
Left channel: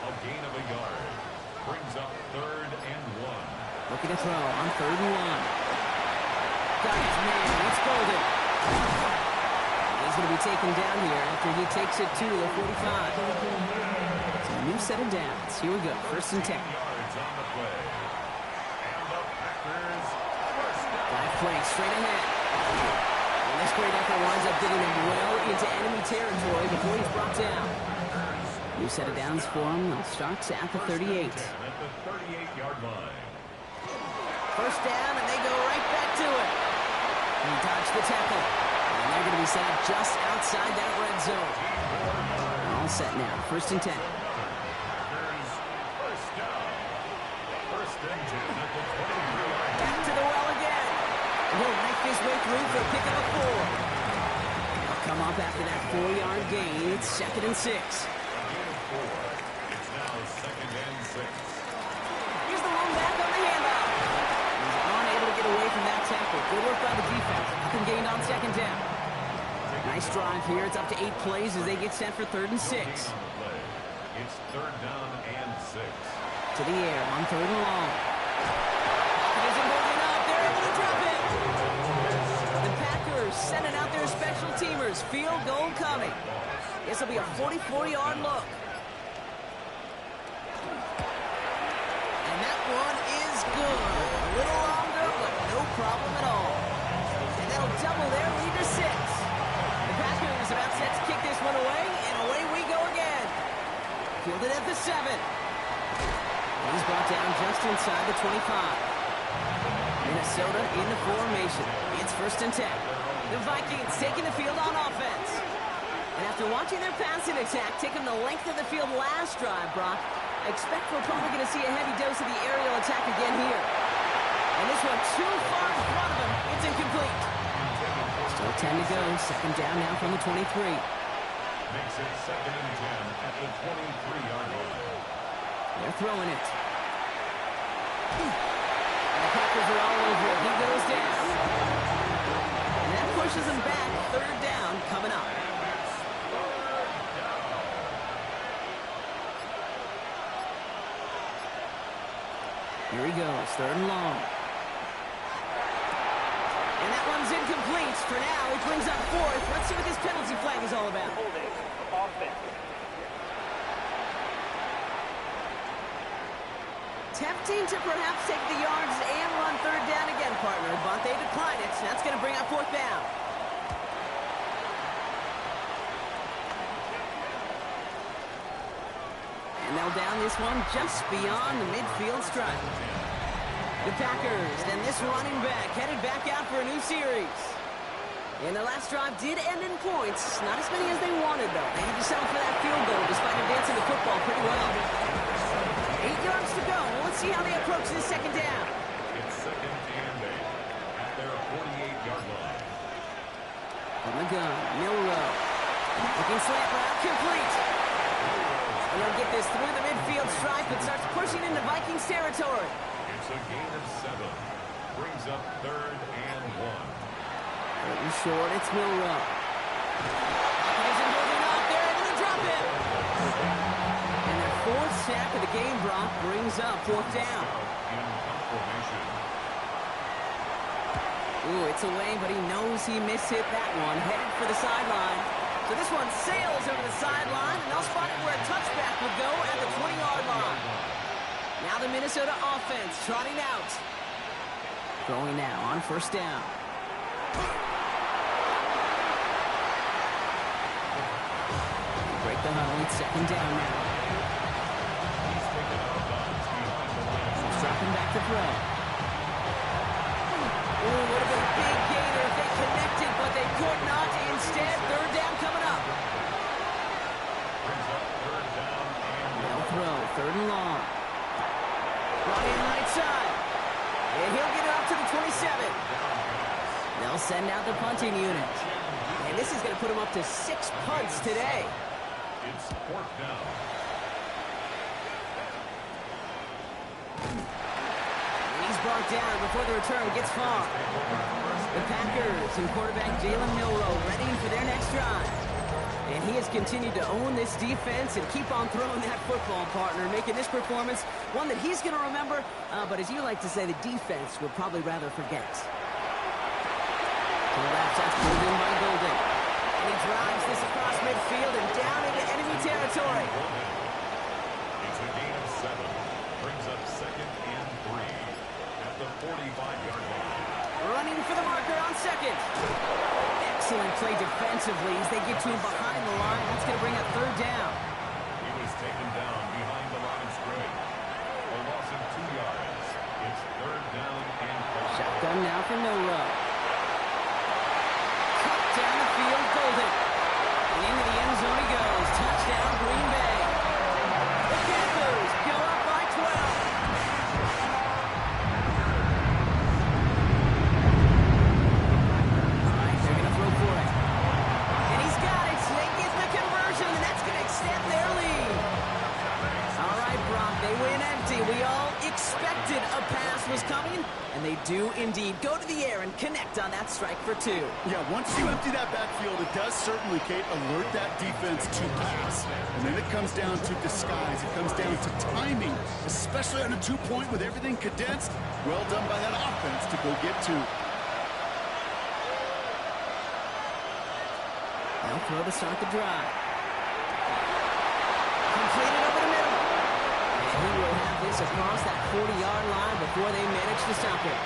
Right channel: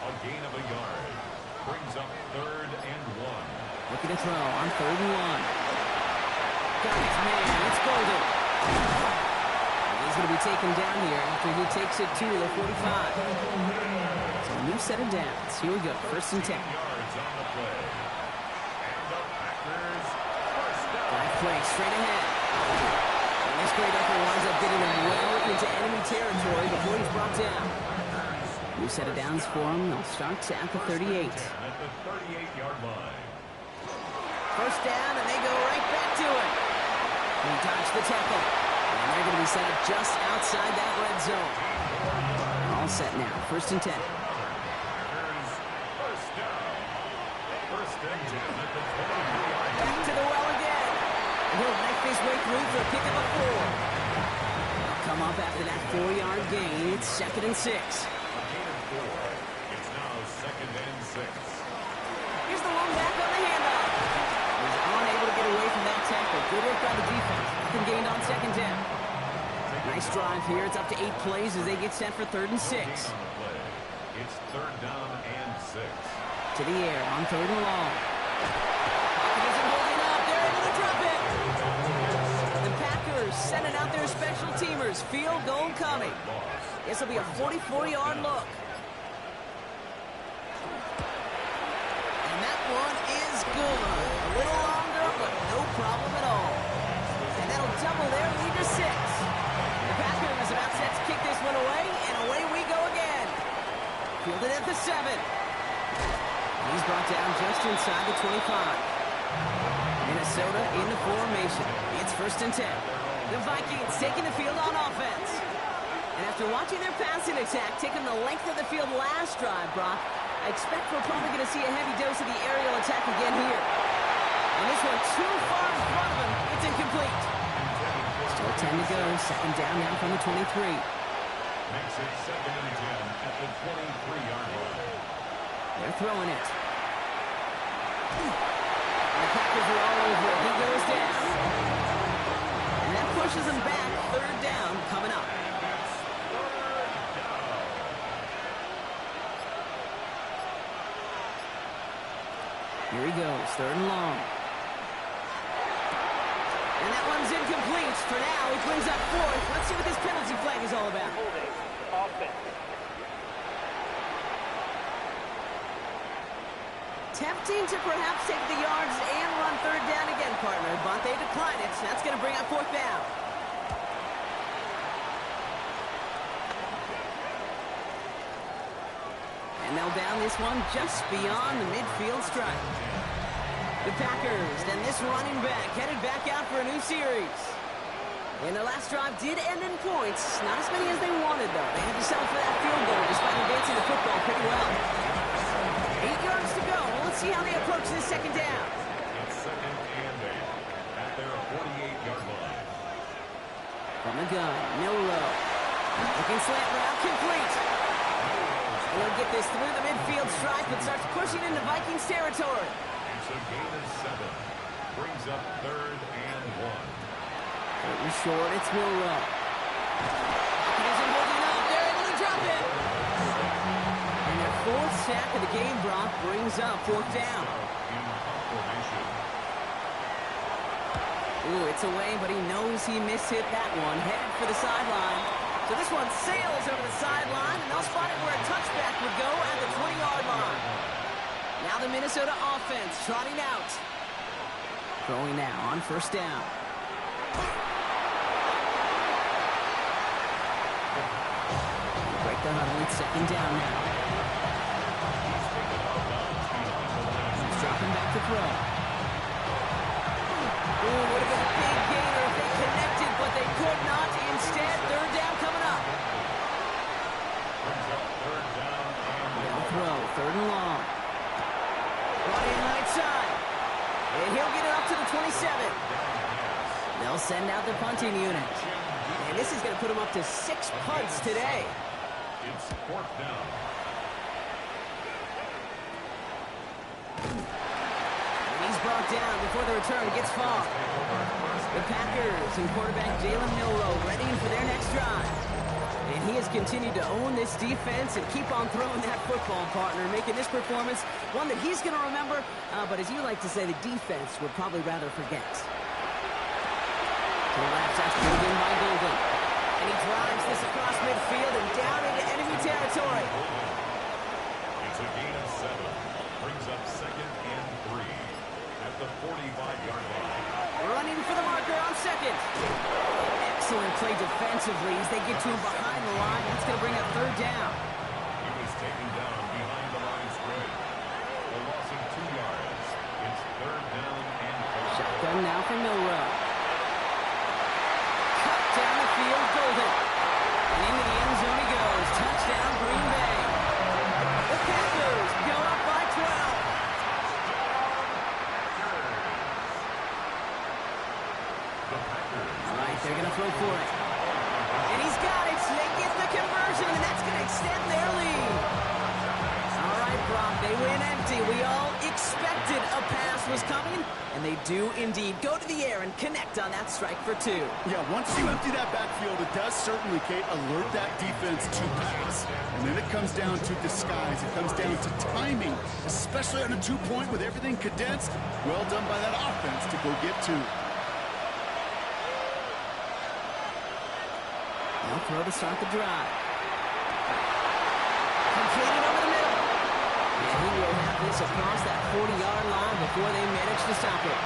A gain of a yard. Brings up 3rd and 1. Looking to throw on 3rd and 1. Got his man. It's Golden. He's going to be taken down here after he takes it to the 45. So a new set of downs. Here we go. 1st and 10. Yards on the play. And the Packers first down. Dive play straight ahead. And this great effort winds up getting him well into enemy territory before he's brought down. New set of downs for him. They'll start at the 38. At the 38-yard line. 1st down, and they go right back to it. He dodged the tackle. And they're going to be set up just outside that red zone. All set now. 1st and 10. Packers first down. 1st and 10 at the 23-yard line. Back to the well again. And he'll knife his way through for a pick of a 4. They'll come up after that 4-yard gain. It's 2nd and 6. A gain of 4. It's now 2nd and 6. Here's the one back on the handoff. He's unable to get away from that tackle. Good work by the defense. Nothing gained on 2nd down. Nice drive here. It's up to 8 plays as they get set for 3rd and 6. On the play. It's 3rd down and 6. To the air on 3rd and long. Pocket isn't holding up. They're able to drop it. The Packers sending out their special teamers. Field goal coming. This will be a 44-yard look. And that one is good. A little longer, but no problem at all. And that'll double their lead to 6. The Packers about set to kick this one away, and away we go again. Fielded at the 7. And he's brought down just inside the 25. Minnesota in the formation. It's 1st and 10. The Vikings taking the field on offense. And after watching their passing attack taking the length of the field last drive, Brock, I expect we're probably going to see a heavy dose of the aerial attack again here. And this one too far in front of him. It's incomplete. Still 10 to go. 2nd down now from the 23. Makes it 2nd and 10 at the 23-yard line. They're throwing it. And the Packers are all over it. He goes down. And that pushes him back. 3rd down coming up. And it's 3rd down. Here he goes. 3rd and long. And And that one's incomplete. For now, he brings up fourth. Let's see what this penalty flag is all about. Holding. Offense. Tempting to perhaps take the yards and run third down again, partner, but they decline it. That's going to bring up fourth down. And they'll down this one just beyond the midfield stripe. The Packers and this running back headed back out for a new series. And their last drive did end in points. Not as many as they wanted, though. They had to settle for that field goal despite advancing the football pretty well. 8 yards to go. Let's see how they approach this second down. It's second and 8 at their 48-yard line. From the gun, Milroe. Looking slant route, complete. And he'll get this through the midfield stripe and starts pushing into Vikings territory. It's a gain of 7. Brings up third and 1. Third and short, it's Milroe. Pocket isn't holding up. They're able to drop it. And their fourth sack of the game, Brock, brings up fourth down. In formation. Ooh, it's away, but he knows he mishit that one. Headed for the sideline. So this one sails over the sideline, and they'll spot it where a touchback would go at the 20-yard line. Now the Minnesota offense trotting out. Throwing now on first down. Break the huddle. It's second down now. He's taken out of bounds behind the line. He's dropping back to throw. Ooh, would have been a big gainer if they connected, but they could not. Instead, third down coming up. Brings up third down and They'll throw, third and long. Brought in right side. And he'll get it up to the 27. They'll send out the punting unit. And this is going to put him up to 6 punts today. it's fourth down. He's brought down before the return gets far. The Packers and quarterback Jalen Milroe ready for their next drive. And he has continued to own this defense and keep on throwing that football, partner, making this performance one that he's going to remember, but as you like to say, the defense would probably rather forget. To the left, that's pulled in by Golden. And he drives this across midfield and down into enemy territory. It's a gain of 7. Brings up second and 3 at the 45-yard line. Running for the marker on second. Excellent play defensively as they get to him behind the line. That's going to bring up third down. He was taken down behind the line of scrimmage. A loss of 2 yards. It's third down and 4. Shotgun now for Milroe. Cut down the field, Golden. And into the end zone he goes. Touchdown, Green Bay. The Packers go up by 12. They're going to throw for it. And he's got it. They get the conversion, and that's going to extend their lead. All right, Brock, they win empty. We all expected a pass was coming, and they do indeed go to the air and connect on that strike for 2. Yeah, once you empty that backfield, it does certainly, Kate, alert that defense to pass. And then it comes down to disguise. It comes down to timing, especially on a 2-point with everything condensed. Well done by that offense to go get 2. They'll throw to start the drive. Completed over the middle. And he will have this across that 40-yard line before they manage to stop it.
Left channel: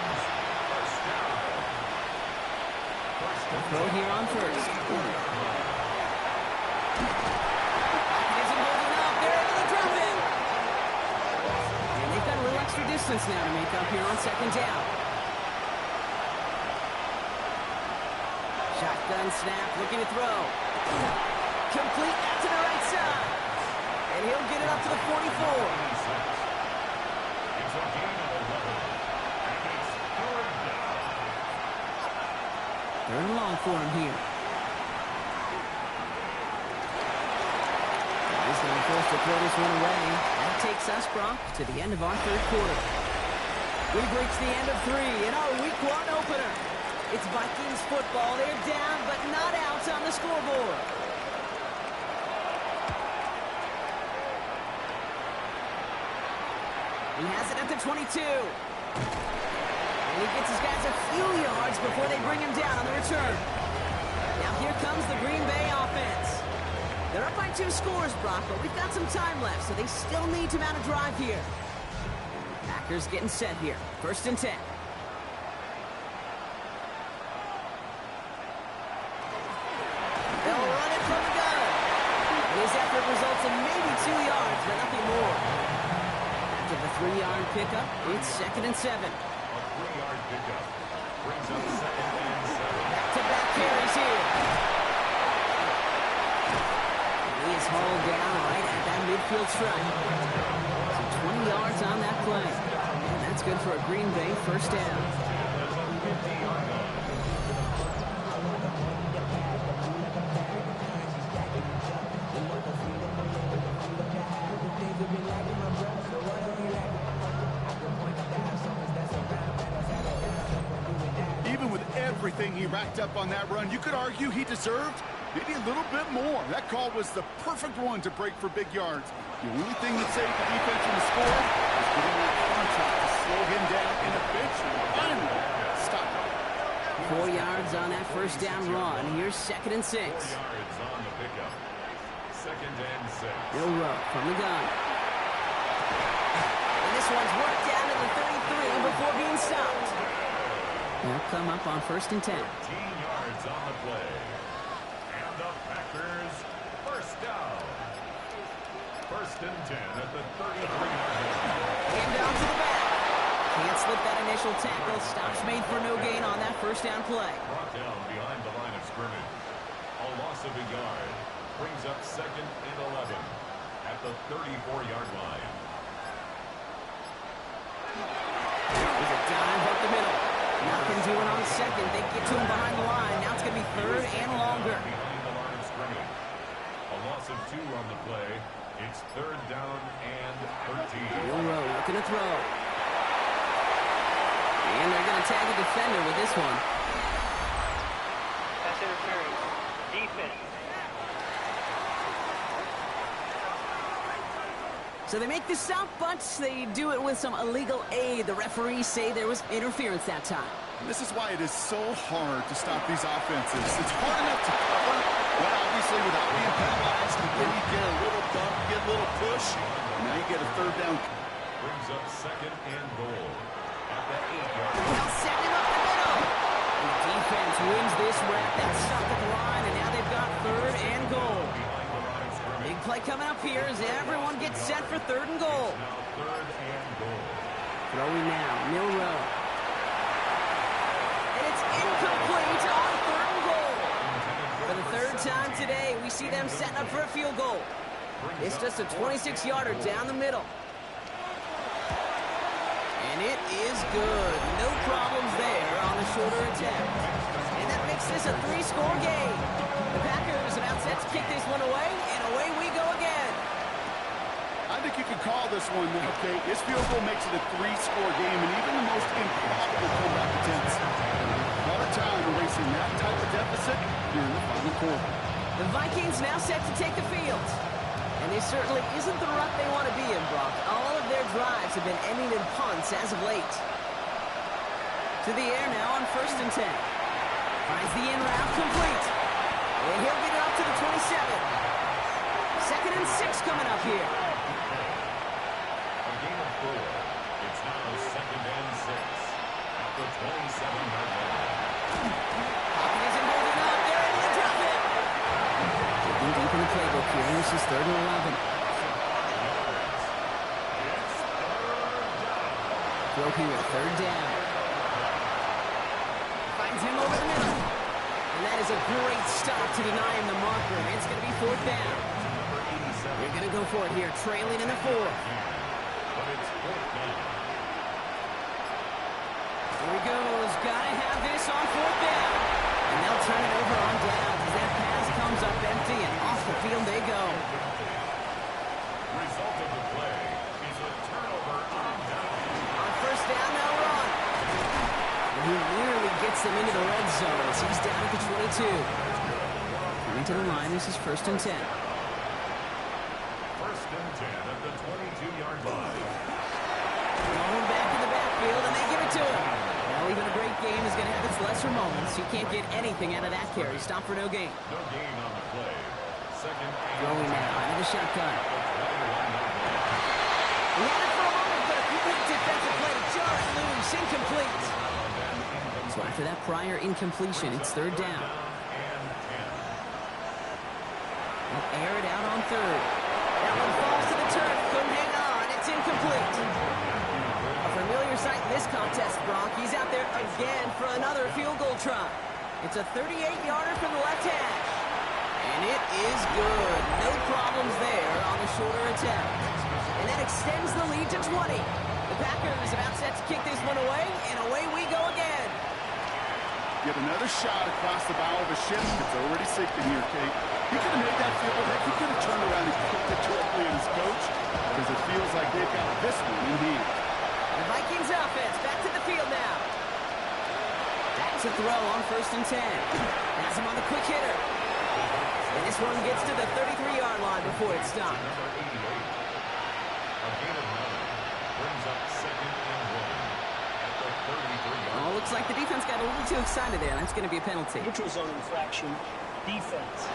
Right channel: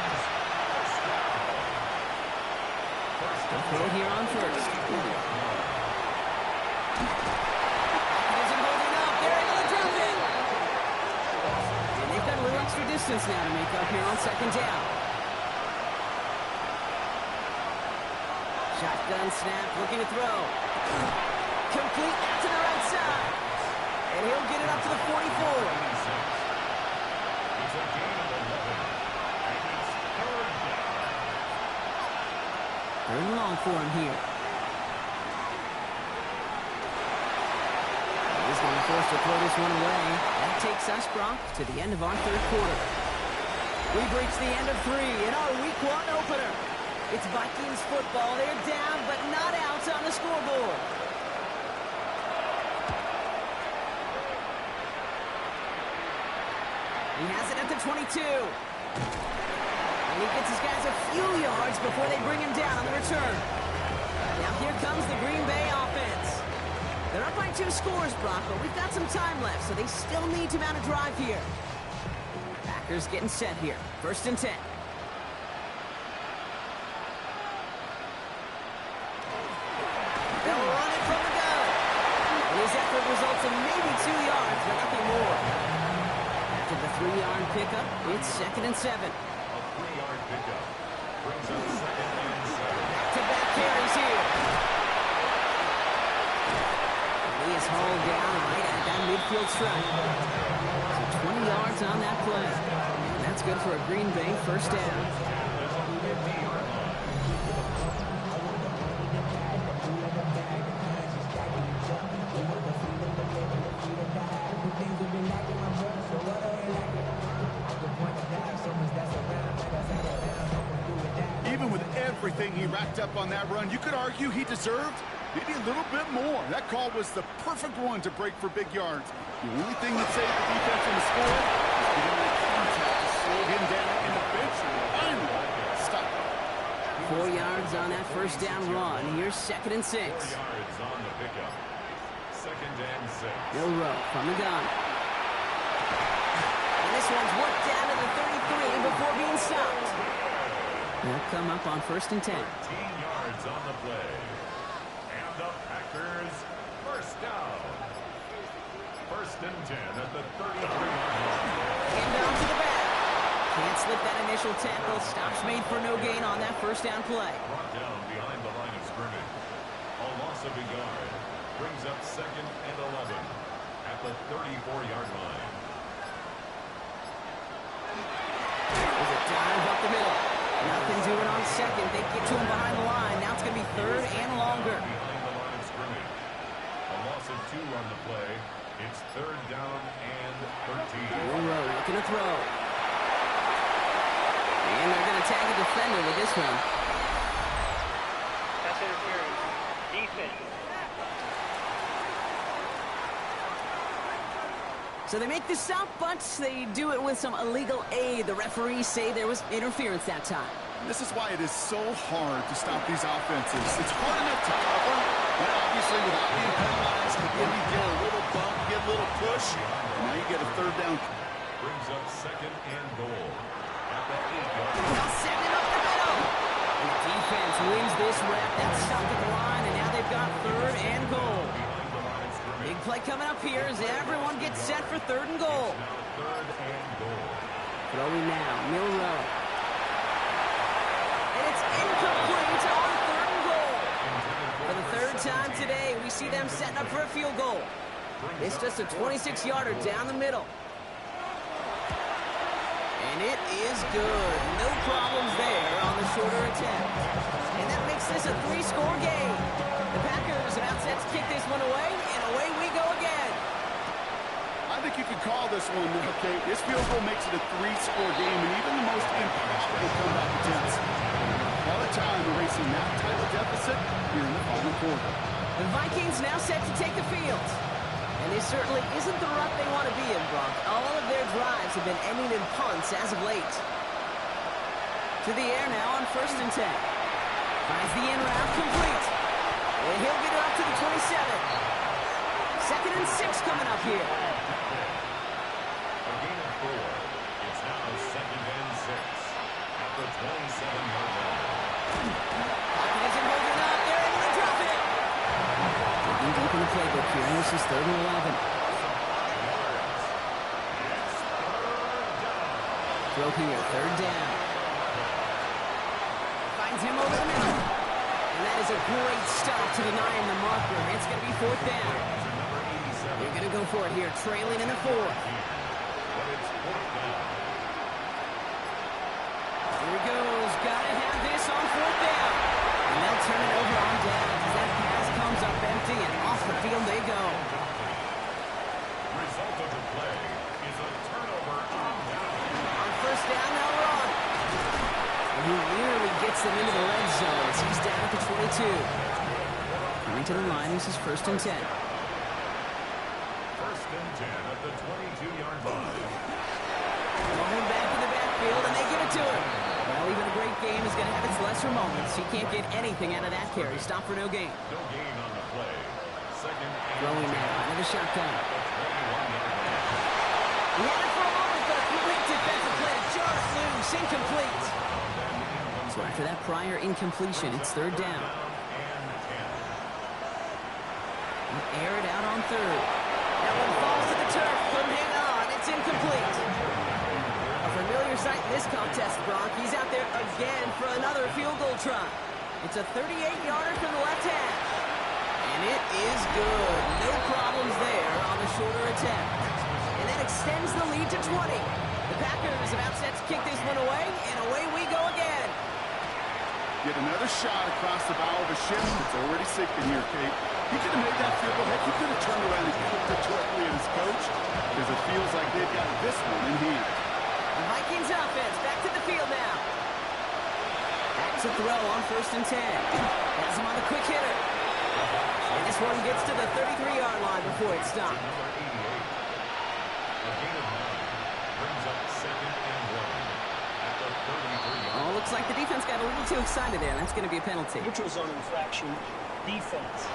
They'll throw here on first. Isn't holding up. They're able to drop it. And they've got a little extra distance now to make up here on second down. Shotgun snap, looking to throw. Complete out to the right side. And he'll get it up to the 44. It's a gain of 11. And it's third down. Third and long for him here. He's going to be forced to throw this one away. That takes us, Brock, to the end of our third quarter. We've reached the end of 3 in our Week 1 opener. It's Vikings football. They're down, but not out on the scoreboard. He has it at the 22. And he gets his guys a few yards before they bring him down on the return. Now here comes the Green Bay offense. They're up by 2 scores, Brock, but we've got some time left, so they still need to mount a drive here. Packers getting set here. 1st and 10. They'll run it from the gun. And his effort results in maybe 2 yards, but nothing more. After the 3-yard pickup, it's 2nd and 7. A 3-yard pickup brings up 2nd and 7. Back-to-back carries here. And he is hauled down right at that midfield stripe. So 20 yards on that play. And that's good for a Green Bay 1st down. There's a 50-yard line. Even with everything he racked up on that run, you could argue he deserved maybe a little bit more. That call was the perfect one to break for big yards. The only thing that saved the defense from the score was getting that contact to slow him down and eventually, finally, stop him. 4 yards on that 1st down run. Here's 2nd and 6. 4 yards on the pickup. 2nd and 6. Milroe from the gun. And this one's worked down to the 33 before being stopped. They'll come up on 1st and 10. 13 yards on the play. And the Packers 1st down. 1st and 10 at the 33-yard line. And down to the back. Can't slip that initial tackle. Stops made for no gain on that 1st down play. Brought down behind the line of scrimmage. A loss of a yard brings up 2nd and 11 at the 34-yard line. There's a dive up the middle. Nothing doing on 2nd. They get to him behind the line. Now it's going to be 3rd and longer. Behind the line of scrimmage. A loss of 2 on the play. It's 3rd down and 13. Milroe looking to throw. And they're going to tag a defender with this one. Pass interference. Defense. So they make the stop, but they do it with some illegal aid. The referees say there was interference that time. This is why it is so hard to stop these offenses. It's hard enough to cover, but obviously without being penalized, but then you get a little bump, you get a little push, and now you get a 3rd down. Brings up 2nd and goal at the 8-yard line. They'll send him up the middle. And the defense wins this rep. That's stopped at the line, and now they've got 3rd and goal. Behind the line of scrimmage. Big play coming up here as everyone gets set for 3rd and goal. Now 3rd and goal. Throwing now, Milroe. And it's incomplete on 3rd and goal. For the 3rd time today, we see them setting up for a field goal. It's just a 26-yarder down the middle. And it is good. No problems there on the shorter attempt. And that makes this a 3-score game. The Packers about set to kick this one away, and away we go again. I think you could call this one now, Kate. This field goal makes it a 3-score game, and even the most improbable comeback attempts have a hard time erasing that type of deficit here in the final quarter. The Vikings now set to take the field. And this certainly isn't the rut they want to be in, Brock. All of their drives have been ending in punts as of late. To the air now on 1st and 10. Finds the in route complete. And he'll get it up to the 27. 2nd and 6 coming up here. A gain of 4. It's now 2nd and 6 at the 27-yard line. Pocket isn't holding up. They're able to drop it. Digging deep in the playbook here. And this is 3rd and 11. It's 3rd down. Throw here, 3rd down. Finds him over the middle. And that is a great stop to deny him the marker. It's going to be 4th down. To number 87. They're going to go for it here, trailing in the 4th. But it's 4th down. Here he goes. Got to have this on 4th down. And they'll turn it over on downs as that pass comes up empty, and off the field they go. Result of the play is a turnover on down. On 1st down, they'll run. And he nearly gets them into the red zone as he's down at the 22. Coming to the line, this is 1st and 10. 1st and 10 at the 22-yard line. Going back in the backfield, and they give it to him. Well, even a great game is going to have its lesser moments. He can't get anything out of that carry. Stop for no gain. No gain on the play. Second and Throwing now out of the shotgun. He had it for a moment, but a great defensive play to jar it loose. Incomplete. So after that prior incompletion, it's third down. He'll air it out on third. That one falls to the turf. Couldn't hang on. It's incomplete. A familiar sight in this contest, Brock. He's out there again for another field goal try. It's a 38-yarder from the left hash. And it is good. No problems there on the shorter attempt. And that extends the lead to 20. The Packers about set to kick this one away, and away we go again. Yet another shot across the bow of a ship that's already sinking here, Kate. He could have made that field goal. Heck, he could have turned around and kicked it directly at his coach, because it feels like they've got this one in hand. The Vikings offense back to the field now. Back to throw on 1st and 10. Has him on the quick hitter. And this one gets to the 33-yard line before it stops. Number 88. A gain of 9 brings up second and 1 at the 33-yard line. Oh, looks like the defense got a little too excited there. That's going to be a penalty. Neutral zone infraction, defense.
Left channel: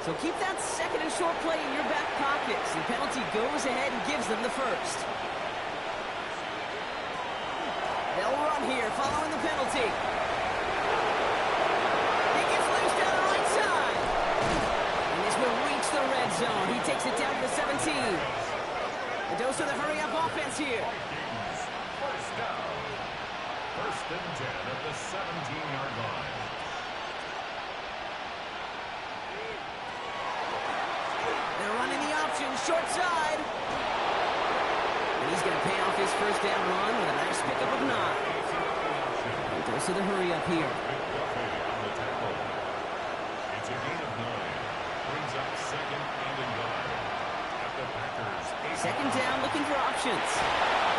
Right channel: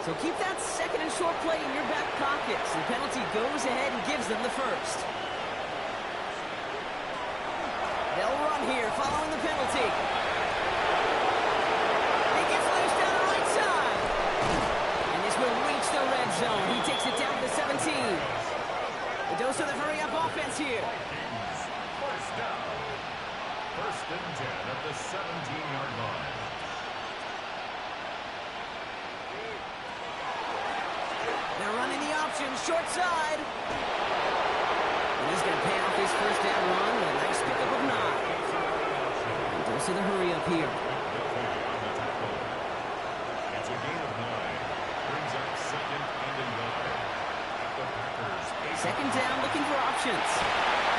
So keep that second and short play in your back pocket. So the penalty goes ahead and gives them the first. They'll run here following the penalty. He gets loose down the right side. And this will reach the red zone. He takes it down to the 17. The dose of the hurry-up offense here. Vikings, first down. 1st and 10 at the 17-yard line. They're running the option, short side. And he's going to pay off his first down run with a nice pickup of 9. And dose of the hurry-up here. McDuffie on the tackle. It's a gain of 9. Brings up second and a yard at the Packers. Second down, looking for options.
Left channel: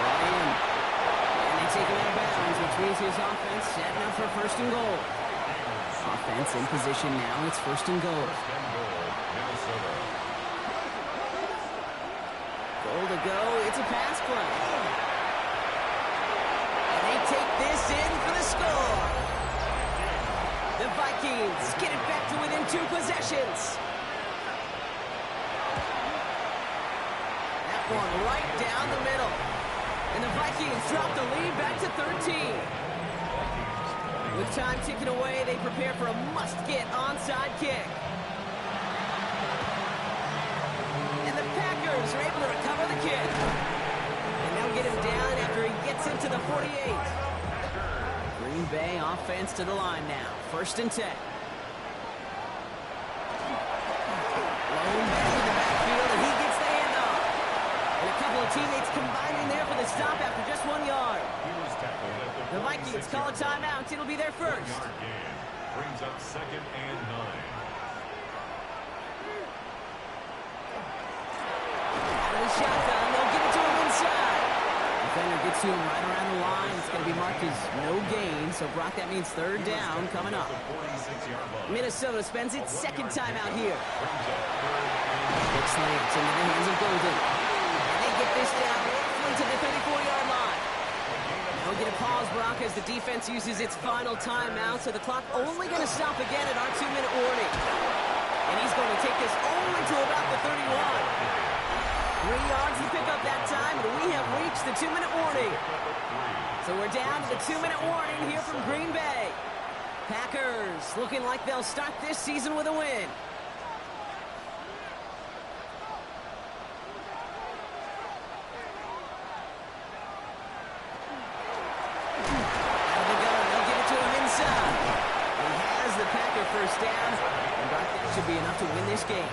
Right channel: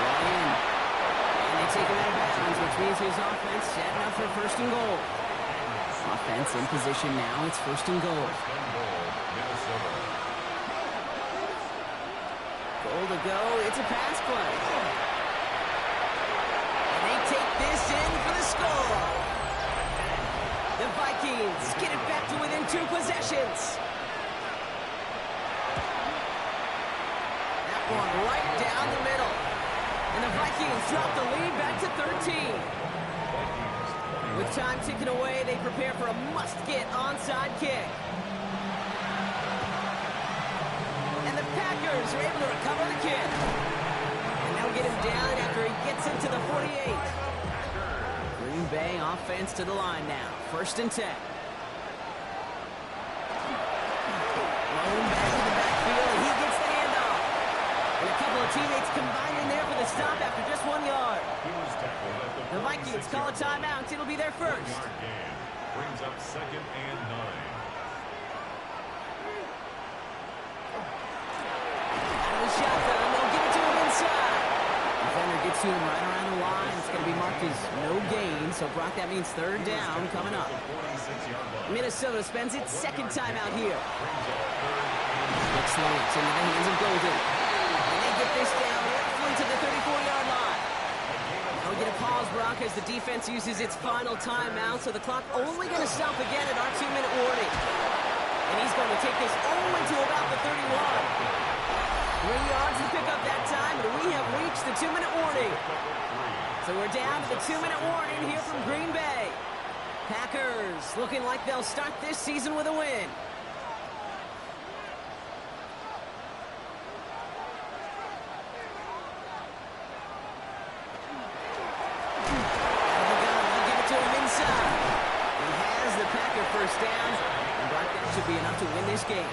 Brought in. And they take him out of bounds, which means his offense setting up for 1st and goal. Offense in position now. It's 1st and goal. 1st and goal, Minnesota. Goal to go. It's a pass play. And they take this in for the score. The Vikings get it back to within 2 possessions. That one right down the middle. And the Vikings drop the lead back to 13. With time ticking away, they prepare for a must-get onside kick. And the Packers are able to recover the kick. And they'll get him down after he gets into the 48. Green Bay offense to the line now. 1st and 10. Blown back to the backfield, and he gets the handoff. And a couple of teammates combining there for the stop after just 1 yard. He was tackled at The Vikings call a timeout. It'll be their first. 1-yard gain. Brings up second and 9. Out of the shotgun, they'll give it to him inside. Defender gets to him right around the line. It's going to be marked as no gain. So, Brock, that means third down coming up. The 46-yard line. Minnesota spends its second timeout here. Brings up third and Big slants into the hands of Golden. And they get this down roughly to the 34-yard line. Now we get a pause, Brock, as the defense uses its final timeout. So the clock only going to stop again at our 2-minute warning. And he's going to take this only to about the 31. 3 yards to pick up that time, and we have reached the 2-minute warning. So we're down to the 2-minute warning here from Green Bay. Packers looking like they'll start this season with a win. Out of the gun, they'll give it to him inside. He has the Packer first down, and Brock, that should be enough to win this game.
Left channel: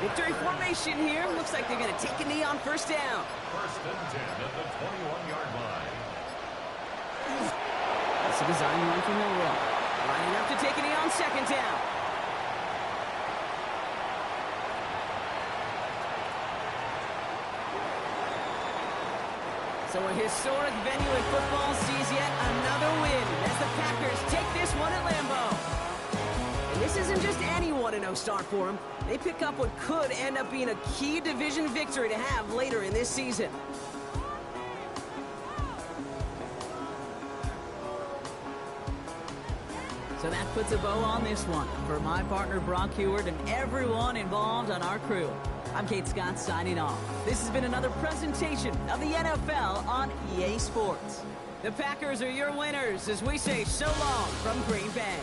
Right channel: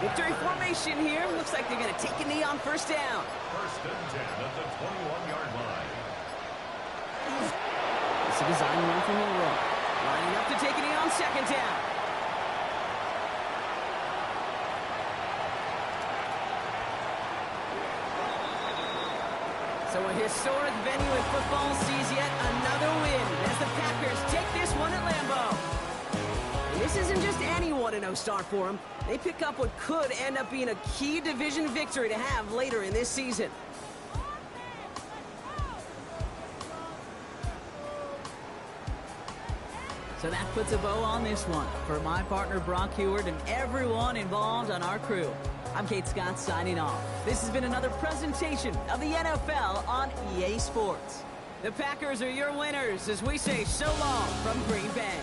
Victory formation here. Looks like they're going to take a knee on 1st down. 1st and 10 at the 21-yard line. It's a design run from Milroe. Lining up to take a knee on 2nd down. So a historic venue in football sees yet another win as the Packers take this one at Lambeau. And this isn't just any 1-0 start for them. They pick up what could end up being a key division victory to have later in this season. So that puts a bow on this one. For my partner Brock Heward and everyone involved on our crew, I'm Kate Scott signing off. This has been another presentation of the NFL on EA Sports. The Packers are your winners as we say so long from Green Bay.